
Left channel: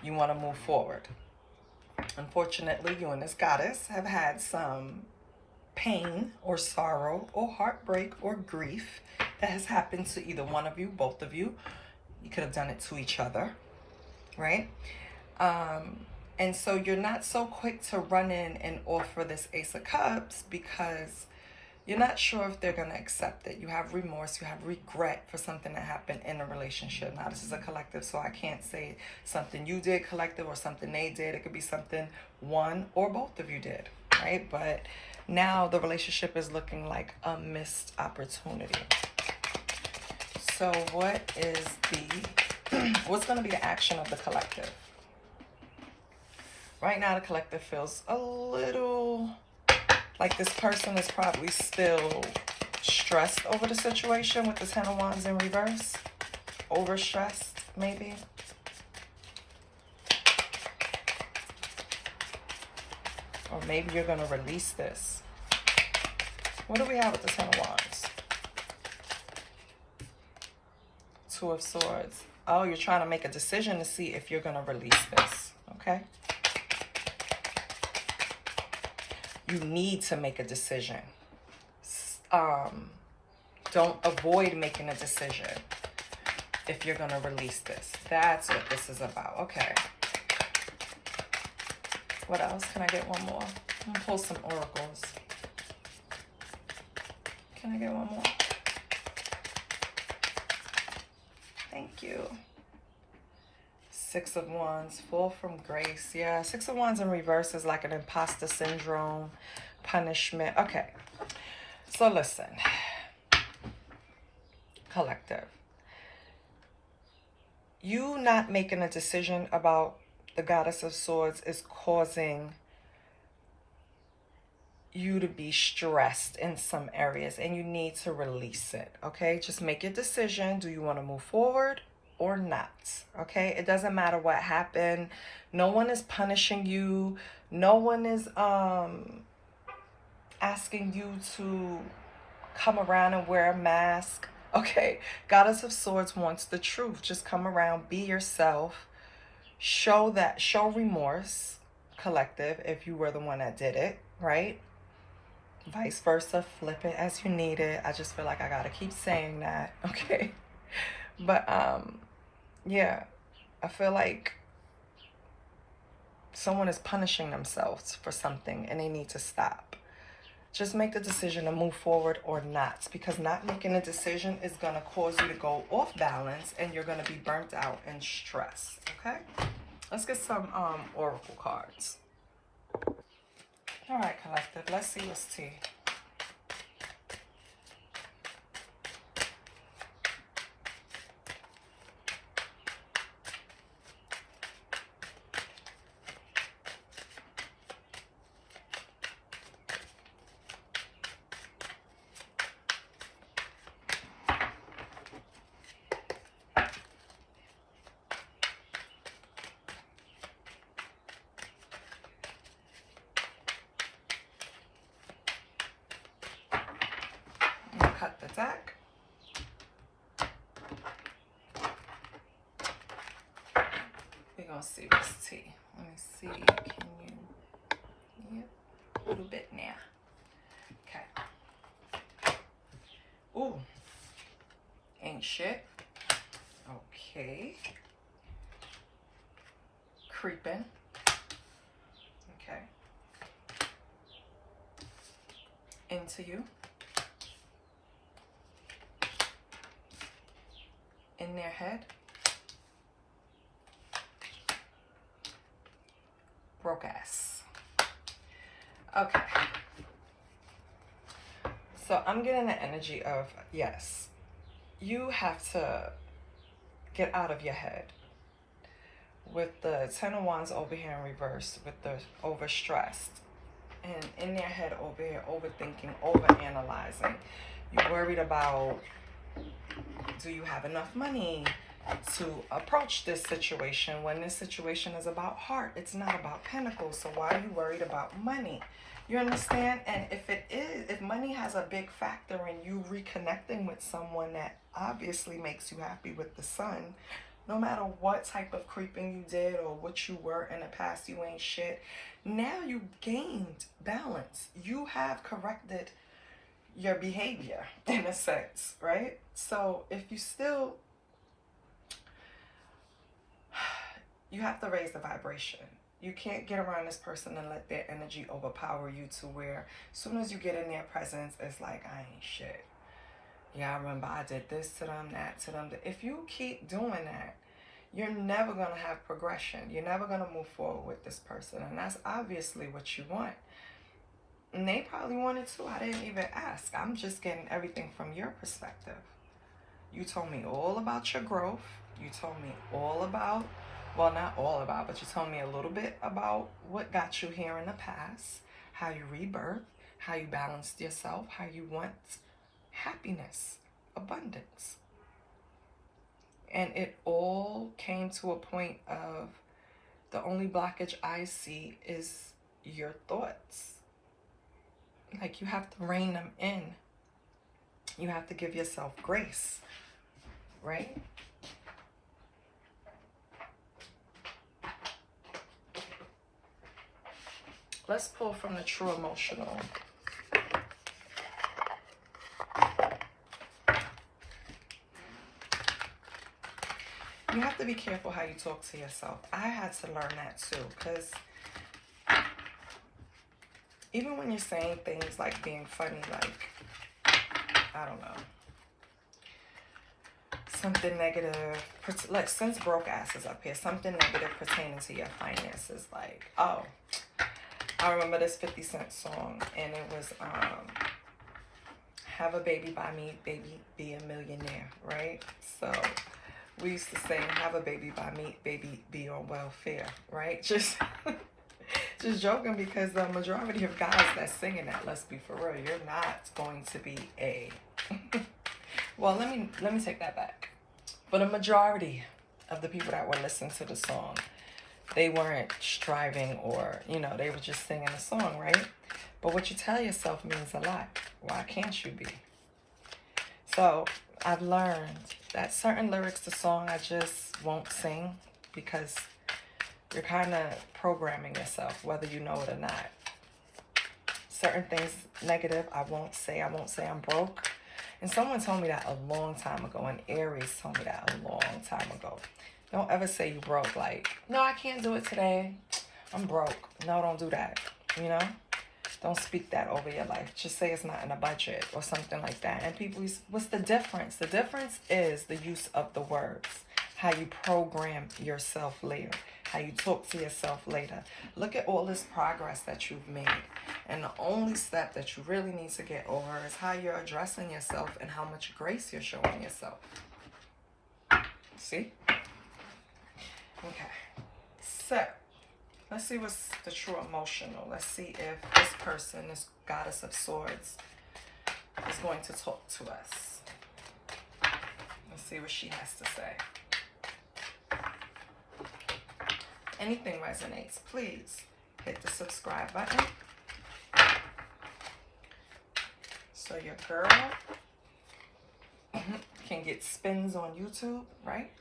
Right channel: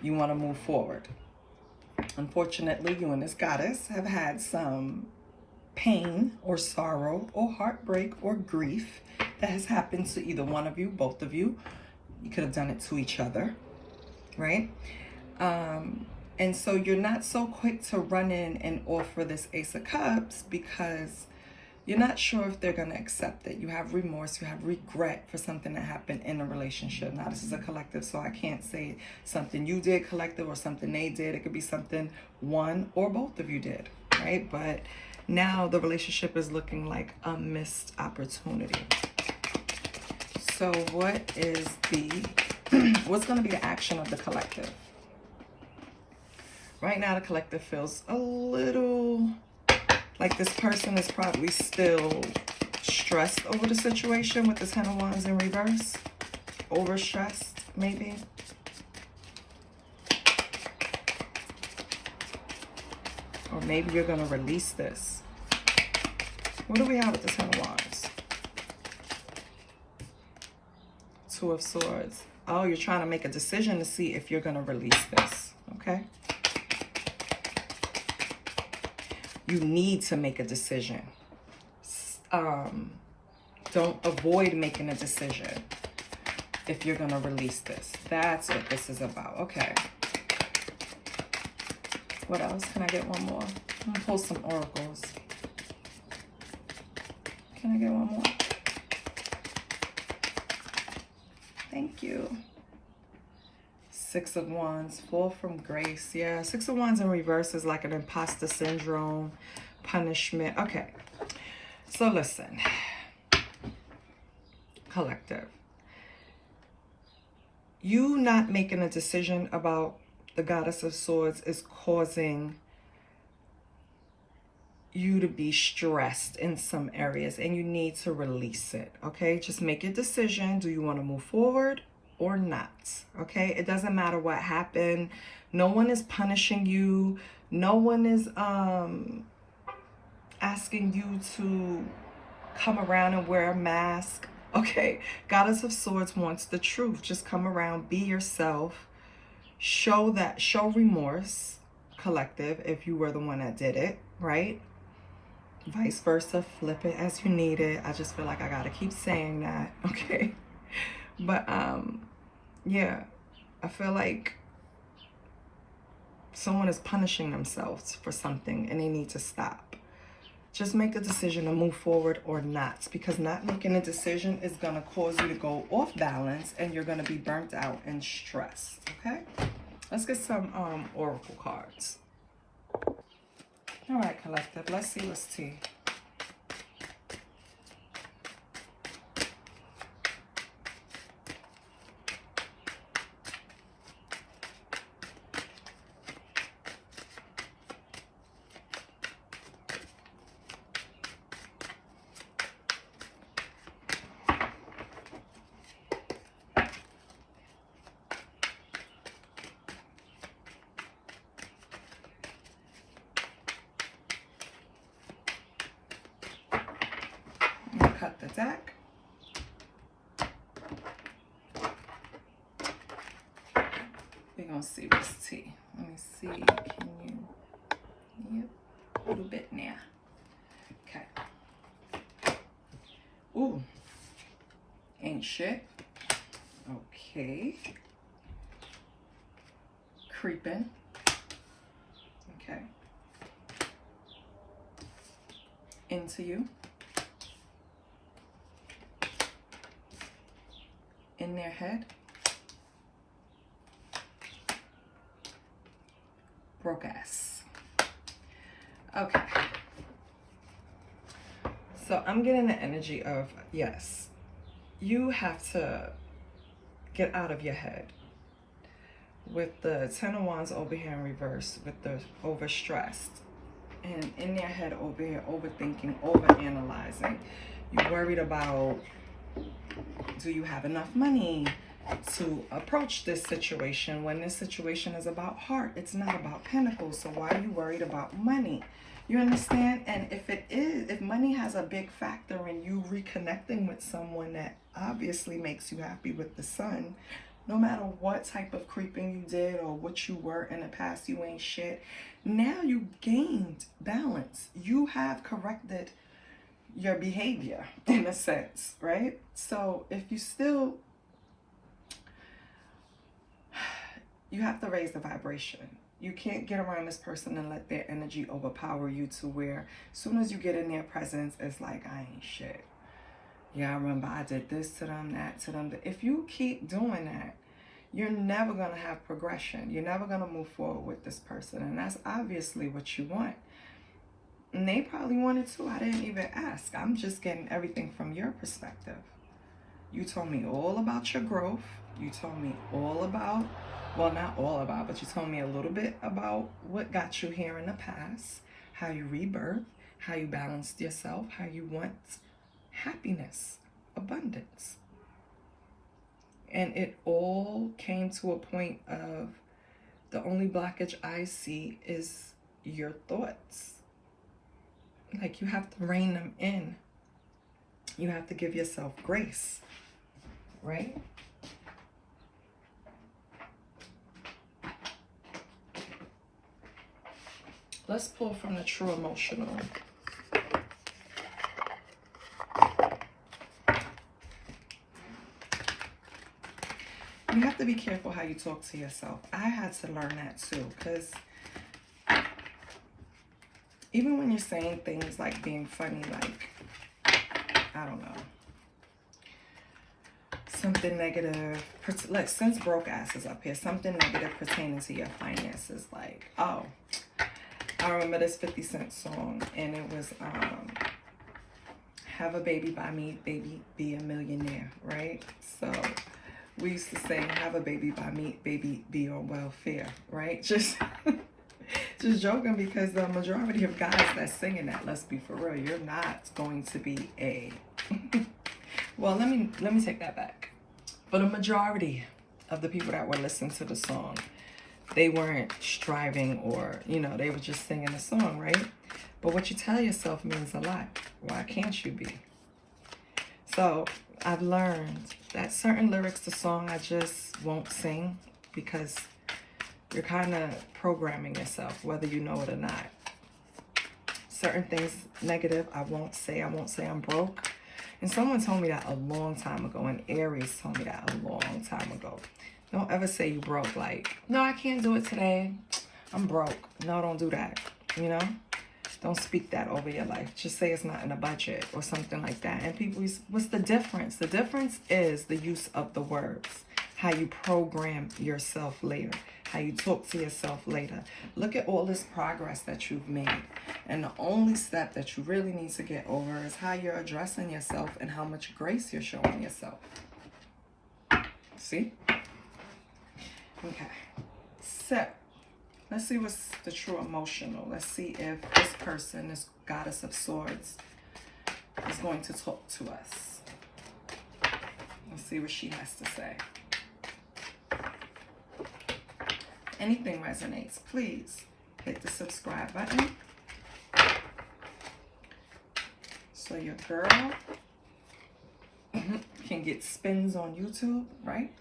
You want to move forward. Unfortunately, you and this goddess have had some pain or sorrow or heartbreak or grief that has happened to either one of you, both of you. You could have done it to each other, right? And so you're not so quick to run in and offer this Ace of Cups because you're not sure if they're going to accept it. You have remorse, you have regret for something that happened in a relationship. Now, this is a collective, so I can't say something you did, collective, or something they did. It could be something one or both of you did, right? But now the relationship is looking like a missed opportunity. So what is what's going to be the action of the collective? Right now, the collective feels a little like this person is probably still stressed over the situation with the Ten of Wands in reverse. Overstressed, maybe. Or maybe you're going to release this. What do we have with the Ten of Wands? Two of Swords. Oh, you're trying to make a decision to see if you're going to release this. Okay. You need to make a decision. Don't avoid making a decision if you're going to release this. That's what this is about. Okay. What else? Can I get one more? I'm gonna pull some oracles. Can I get one more? Thank you. Six of Wands, fall from grace. Yeah, Six of Wands in reverse is like an imposter syndrome, punishment. Okay, so listen, collective. You not making a decision about the Goddess of Swords is causing you to be stressed in some areas, and you need to release it. Okay, just make a decision. Do you want to move forward or not? Okay, it doesn't matter what happened. No one is punishing you. No one is asking you to come around and wear a mask. Okay, Goddess of Swords wants the truth. Just come around, be yourself. Show remorse, collective, if you were the one that did it, right? Vice versa, flip it as you need it. I just feel like I gotta keep saying that, okay? But yeah, I feel like someone is punishing themselves for something and they need to stop. Just make the decision to move forward or not, because not making a decision is gonna cause you to go off balance and you're gonna be burnt out and stressed, okay? Let's get some oracle cards. All right, collective, let's see what's tea. Cut the deck. We're gonna see what's tea. Let me see. Can you? Yep, a little bit now. Okay. Ooh, ain't shit. Okay. Creeping. Okay. Into you. In their head. Broke ass. Okay. So I'm getting the energy of, yes, you have to get out of your head. With the Ten of Wands over here in reverse, with the overstressed. And in their head over here, overthinking, overanalyzing. You're worried about, do you have enough money to approach this situation when this situation is about heart? It's not about pentacles. So why are you worried about money? You understand? And if money has a big factor in you reconnecting with someone that obviously makes you happy with the sun, no matter what type of creeping you did or what you were in the past, you ain't shit. Now you gained balance. You have corrected your behavior in a sense, right? So if you still, you have to raise the vibration. You can't get around this person and let their energy overpower you to where as soon as you get in their presence, it's like, I ain't shit. Yeah, I remember I did this to them, that to them. If you keep doing that, you're never going to have progression. You're never going to move forward with this person. And that's obviously what you want. And they probably wanted to. I didn't even ask. I'm just getting everything from your perspective. You told me all about your growth. You told me all about, well, not all about, but you told me a little bit about what got you here in the past, how you rebirthed, how you balanced yourself, how you want happiness, abundance. And it all came to a point of the only blockage I see is your thoughts. Like, you have to rein them in. You have to give yourself grace, right? Let's pull from the true emotional. You have to be careful how you talk to yourself. I had to learn that too, because even when you're saying things like being funny, like, I don't know, something negative, like since broke ass is up here, something negative pertaining to your finances, like, oh, I remember this 50 Cent song, and it was, have a baby by me, baby, be a millionaire, right? So we used to sing, have a baby by me, baby, be on welfare, right? Just joking, because the majority of guys that's singing that, let's be for real, you're not going to be a, well, let me take that back. For the majority of the people that were listening to the song, they weren't striving, or, you know, they were just singing the song, right? But what you tell yourself means a lot. Why can't you be? So I've learned that certain lyrics to song I just won't sing, because you're kind of programming yourself, whether you know it or not. Certain things negative, I won't say. I won't say I'm broke. And someone told me that a long time ago, and Aries told me that a long time ago. Don't ever say you broke, like, no, I can't do it today. I'm broke. No, don't do that, you know? Don't speak that over your life. Just say it's not in a budget or something like that. And people, what's the difference? The difference is the use of the words, how you program yourself later, how you talk to yourself later. Look at all this progress that you've made. And the only step that you really need to get over is how you're addressing yourself and how much grace you're showing yourself. See? Okay. So, let's see what's the true emotional. Let's see if this person, this Goddess of Swords, is going to talk to us. Let's see what she has to say. Anything resonates, please hit the subscribe button. So your girl can get spins on YouTube, right?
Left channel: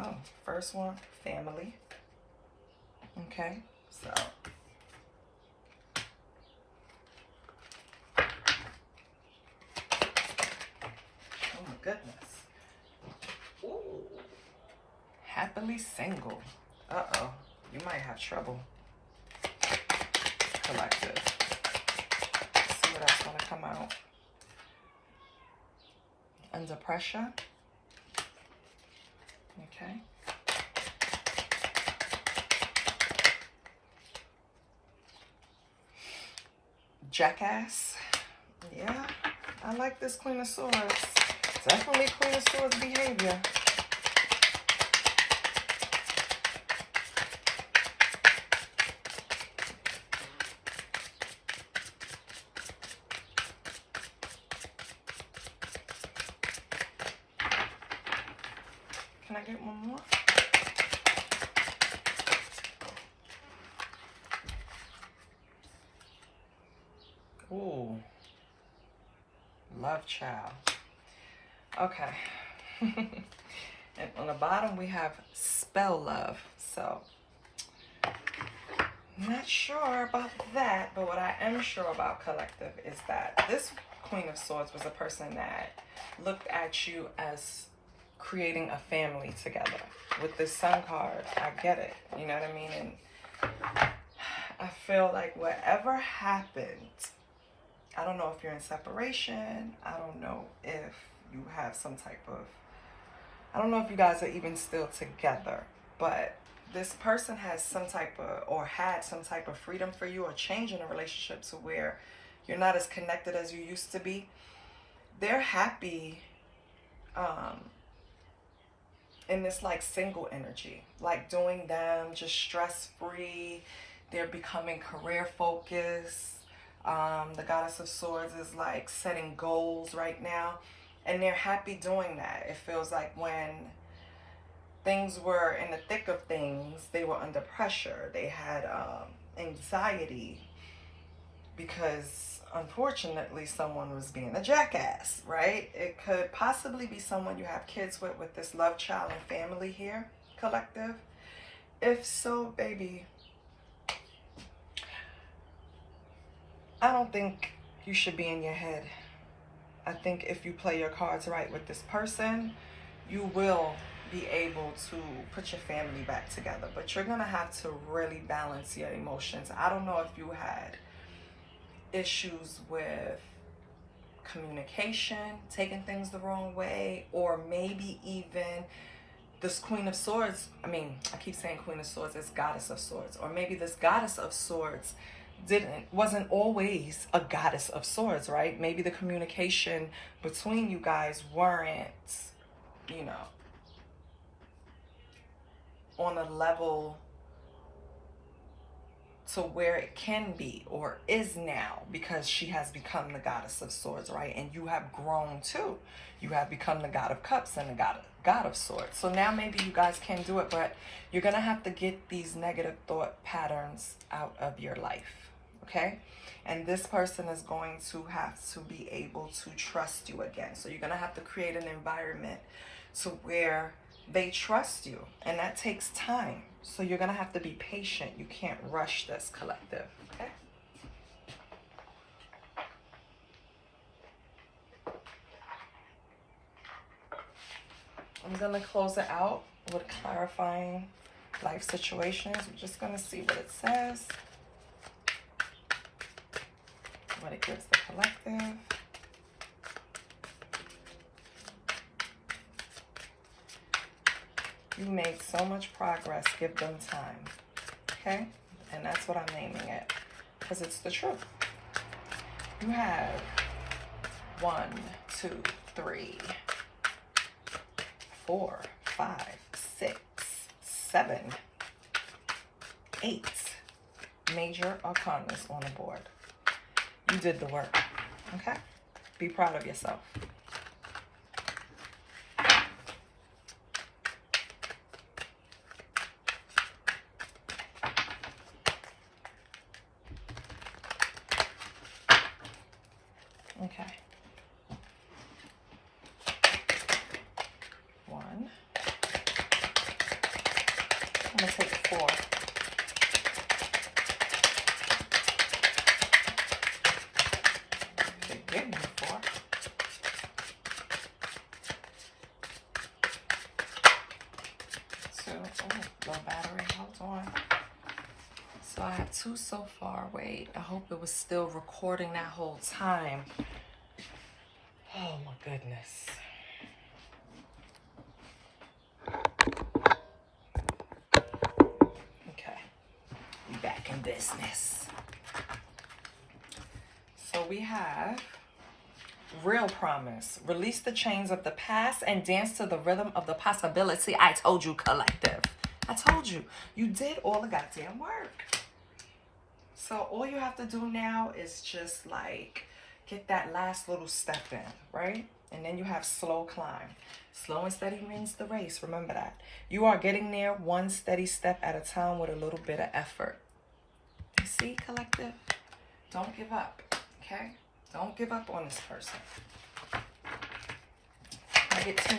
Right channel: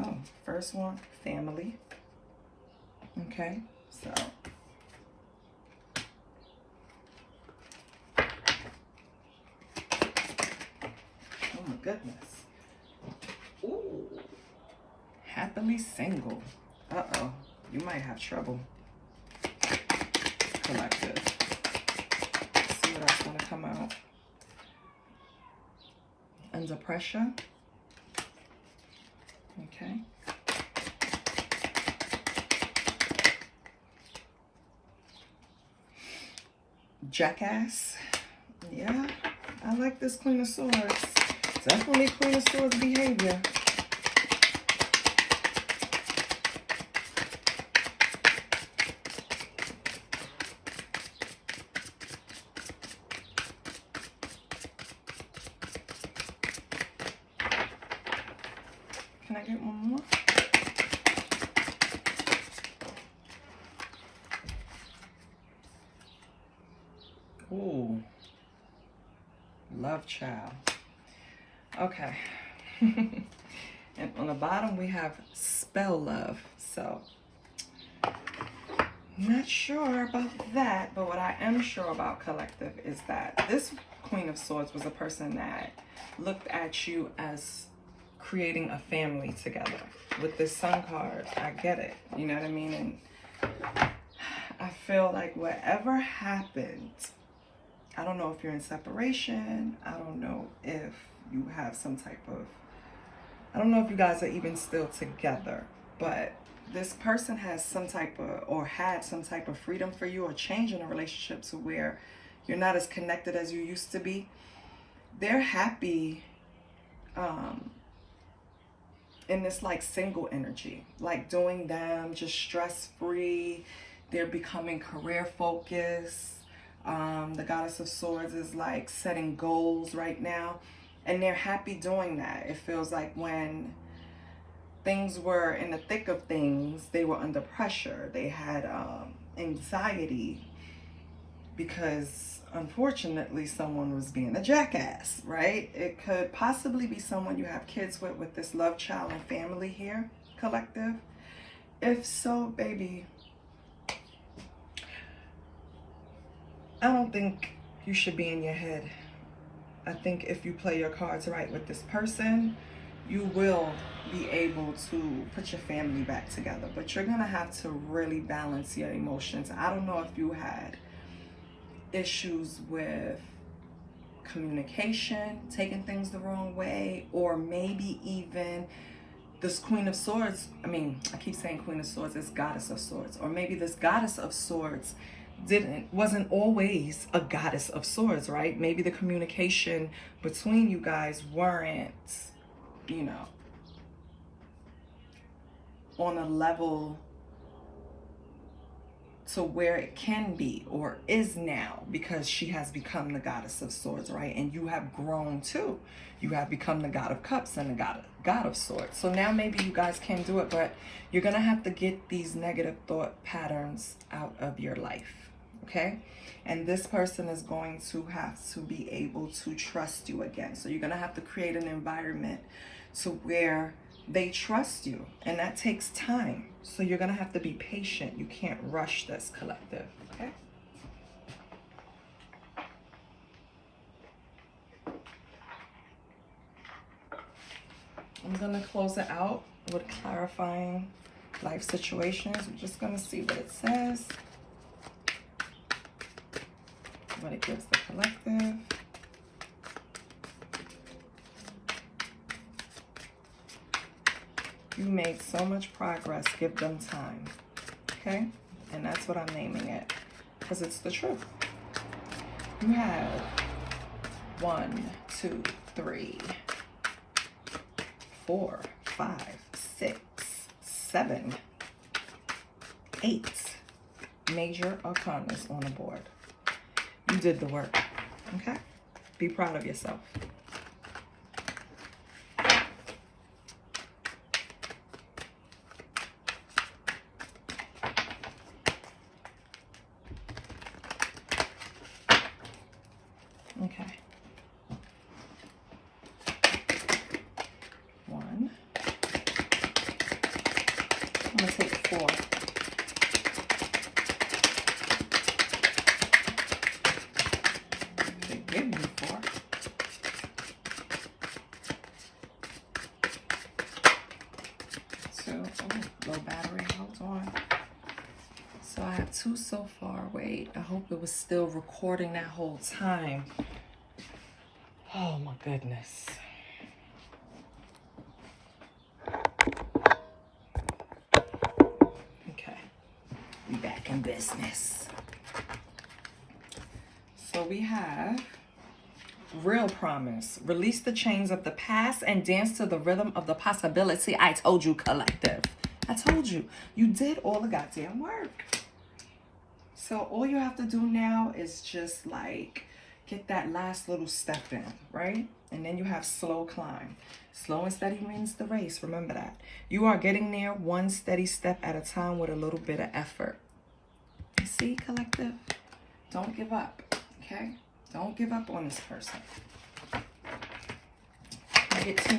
Oh, first one, family. Okay, so. Oh my goodness. Ooh. Happily single. Uh-oh, you might have trouble. Collective. Let's see what else gonna come out. Under pressure. Okay. Jackass. Yeah, I like this Queen of Swords. Definitely Queen of Swords behavior. Can I get one more? Ooh. Love child. Okay. And on the bottom we have spell love. So, not sure about that, but what I am sure about collective is that this Queen of Swords was a person that looked at you as creating a family together. With this Sun card, I get it. You know what I mean? And I feel like whatever happened, I don't know if you're in separation. I don't know if you have some type of, I don't know if you guys are even still together, but this person has some type of, or had some type of freedom for you, or change in a relationship to where you're not as connected as you used to be. They're happy in this like single energy, like doing them, just stress-free. They're becoming career focused. The Goddess of Swords is like setting goals right now, and they're happy doing that. It feels like when things were in the thick of things, they were under pressure. They had anxiety because unfortunately someone was being a jackass, right? It could possibly be someone you have kids with this love child and family here, collective. If so, baby, I don't think you should be in your head. I think if you play your cards right with this person, you will be able to put your family back together. But you're going to have to really balance your emotions. I don't know if you had issues with communication, taking things the wrong way, or maybe even this Queen of Swords. I mean, I keep saying Queen of Swords, it's Goddess of Swords. Or maybe this Goddess of Swords wasn't always a Goddess of Swords, right? Maybe the communication between you guys weren't, you know, on a level to where it can be or is now, because she has become the Goddess of Swords, right? And you have grown too. You have become the God of Cups and the God of Swords. So now maybe you guys can do it, but you're going to have to get these negative thought patterns out of your life, okay? And this person is going to have to be able to trust you again. So you're going to have to create an environment to where they trust you, and that takes time. So you're going to have to be patient. You can't rush this, collective, okay? I'm going to close it out with clarifying life situations. We're just going to see what it says, what it gives the collective. You made so much progress. Give them time, okay? And that's what I'm naming it, because it's the truth. You have 1, 2, 3, 4, 5, 6, 7, 8 major arcanas on the board. You did the work, okay? Be proud of yourself. Okay. 1. I'm going to take 4. Okay, give me 4. 2. Oh, low battery. Hold on. So I have 2 so far. Wait, I hope it was still recording that whole time. Oh my goodness. Okay, we back in business. So we have real promise. Release the chains of the past and dance to the rhythm of the possibility. I told you, collective. I told you. You did all the goddamn work. So all you have to do now is just like get that last little step in, right? And then you have slow climb. Slow and steady wins the race. Remember that. You are getting there one steady step at a time with a little bit of effort. You see, collective? Don't give up, okay? Don't give up on this person. I get 2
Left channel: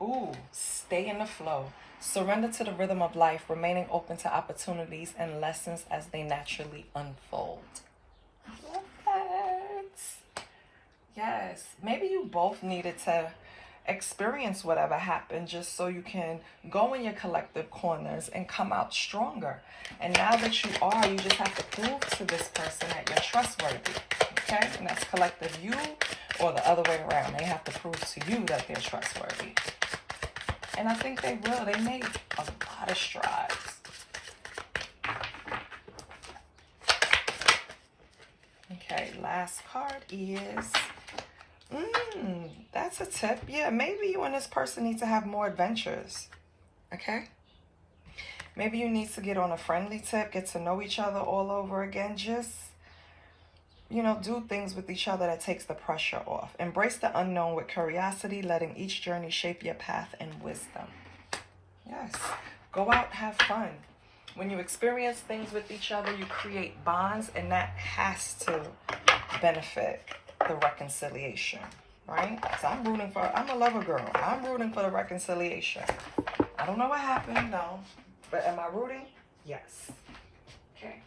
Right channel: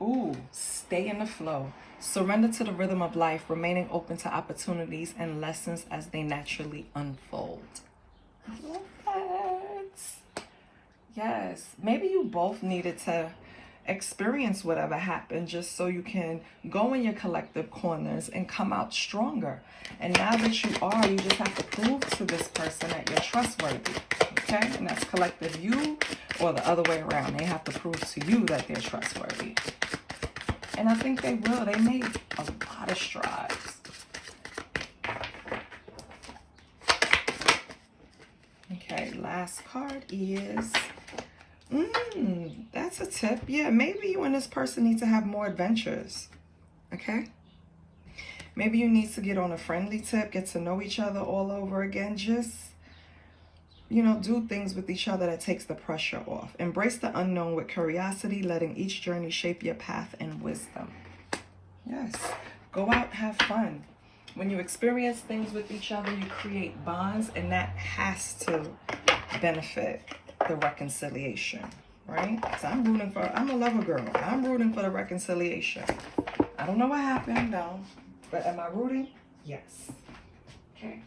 more. Ooh, stay in the flow. Surrender to the rhythm of life, remaining open to opportunities and lessons as they naturally unfold. I love that. Yes, maybe you both needed to experience whatever happened just so you can go in your collective corners and come out stronger. And now that you are, you just have to prove to this person that you're trustworthy. Okay? And that's collective you, or the other way around. They have to prove to you that they're trustworthy. And I think they will. They made a lot of strides. Okay, last card is, that's a tip. Yeah, maybe you and this person need to have more adventures. Okay? Maybe you need to get on a friendly tip, get to know each other all over again. Just, you know, do things with each other that takes the pressure off. Embrace the unknown with curiosity, letting each journey shape your path and wisdom. Yes. Go out, have fun. When you experience things with each other, you create bonds, and that has to benefit the reconciliation, right? So I'm a lover girl. I'm rooting for the reconciliation. I don't know what happened, no. But am I rooting? Yes. Okay.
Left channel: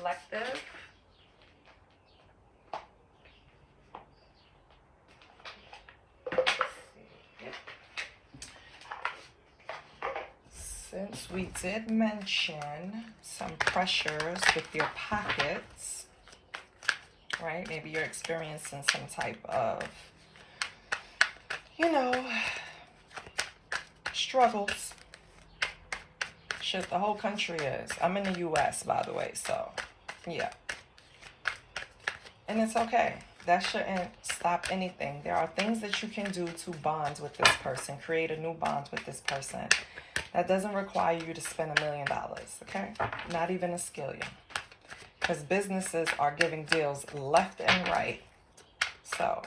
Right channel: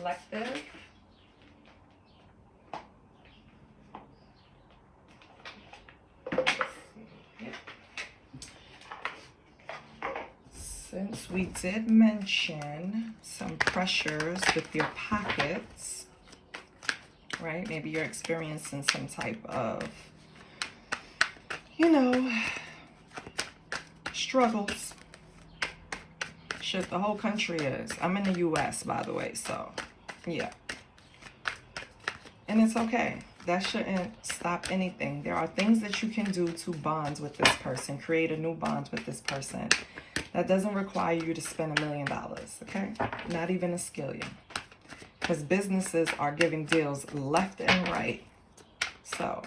Collective. Since we did mention some pressures with your pockets, right? Maybe you're experiencing some type of, you know, struggles. Shit, the whole country is. I'm in the U.S., by the way, so, yeah. And it's okay. That shouldn't stop anything. There are things that you can do to bond with this person, create a new bond with this person. That doesn't require you to spend $1 million, okay? Not even a skillion. Because businesses are giving deals left and right. So,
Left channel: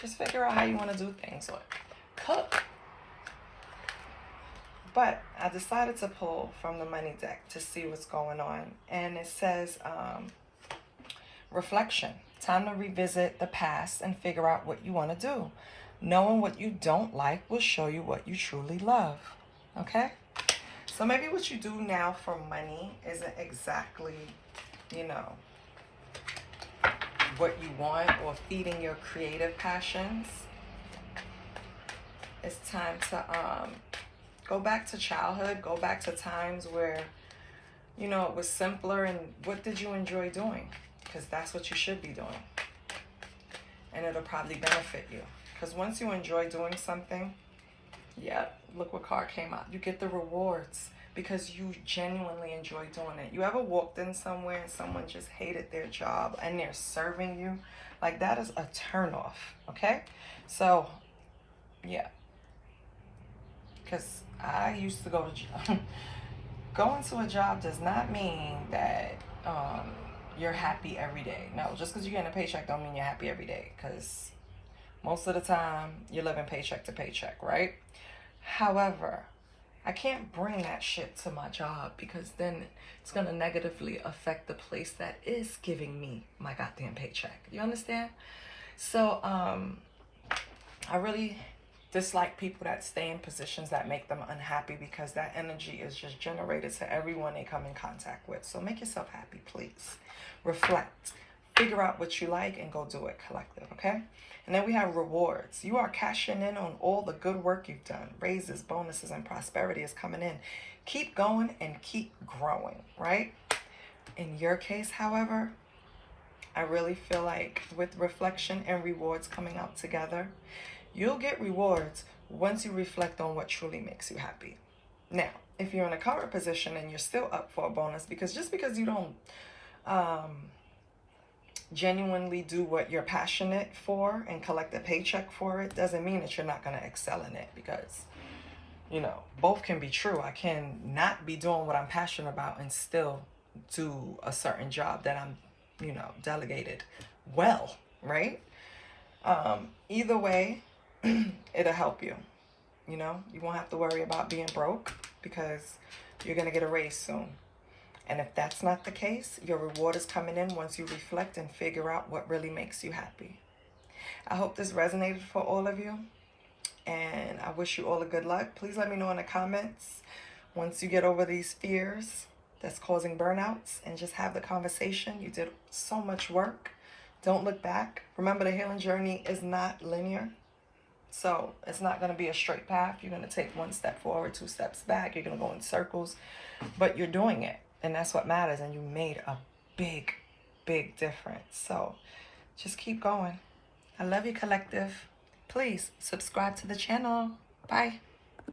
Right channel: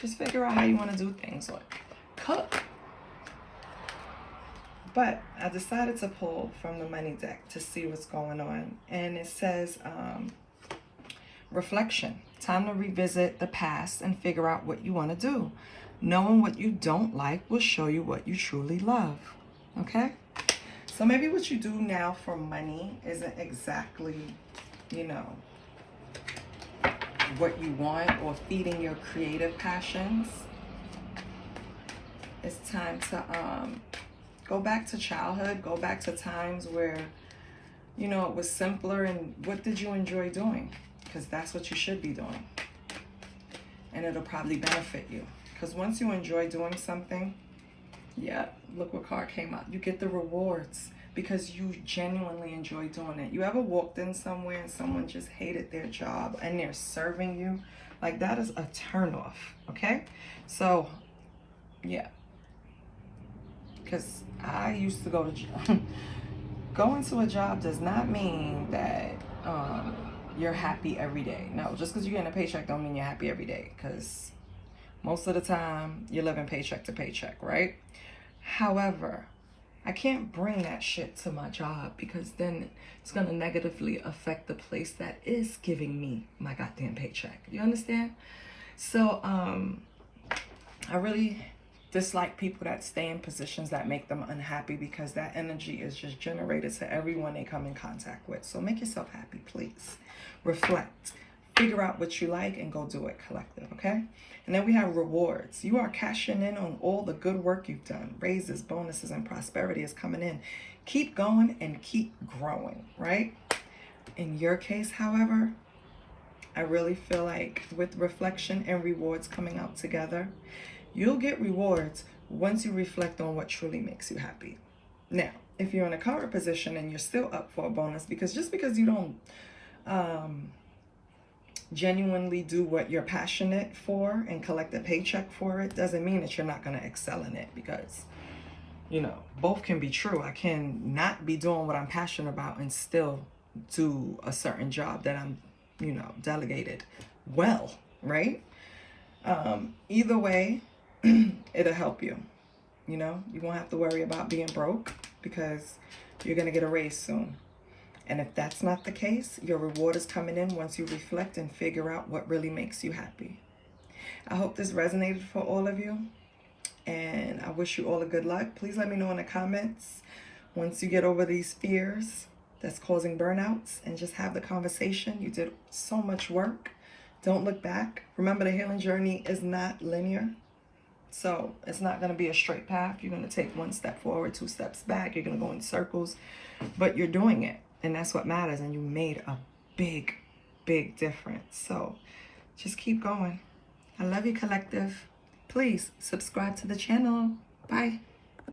just figure out how you want to do things. Or cook. But I decided to pull from the money deck to see what's going on. And it says, reflection. Time to revisit the past and figure out what you want to do. Knowing what you don't like will show you what you truly love. Okay? So maybe what you do now for money isn't exactly, you know, what you want or feeding your creative passions. It's time to go back to childhood, go back to times where, you know, it was simpler, and what did you enjoy doing? Because that's what you should be doing. And it'll probably benefit you. Because once you enjoy doing something, yeah, look what card came out. You get the rewards because you genuinely enjoy doing it. You ever walked in somewhere and someone just hated their job and they're serving you? Like, that is a turnoff, okay? So, yeah. Because I used to go to going to a job does not mean that you're happy every day. No, just because you're getting a paycheck don't mean you're happy every day. Because most of the time, you're living paycheck to paycheck, right? However, I can't bring that shit to my job because then it's going to negatively affect the place that is giving me my goddamn paycheck. You understand? So, I really dislike people that stay in positions that make them unhappy because that energy is just generated to everyone they come in contact with. So make yourself happy, please. Reflect. Figure out what you like and go do it, collective, okay? And then we have rewards. You are cashing in on all the good work you've done. Raises, bonuses, and prosperity is coming in. Keep going and keep growing, right? In your case, however, I really feel like with reflection and rewards coming out together, you'll get rewards once you reflect on what truly makes you happy. Now, if you're in a current position and you're still up for a bonus, because just because you don't genuinely do what you're passionate for and collect a paycheck for it, doesn't mean that you're not going to excel in it, because, you know, both can be true. I can not be doing what I'm passionate about and still do a certain job that I'm, you know, delegated well, right? Either way, it'll help you. You know, you won't have to worry about being broke because you're going to get a raise soon. And if that's not the case, your reward is coming in once you reflect and figure out what really makes you happy. I hope this resonated for all of you. And I wish you all a good luck. Please let me know in the comments once you get over these fears that's causing burnouts, and just have the conversation. You did so much work. Don't look back. Remember, the healing journey is not linear. So it's not going to be a straight path. You're going to take one step forward, 2 steps back. You're going to go in circles, but you're doing it. And that's what matters. And you made a big, big difference. So just keep going. I love you, collective. Please subscribe to the channel. Bye.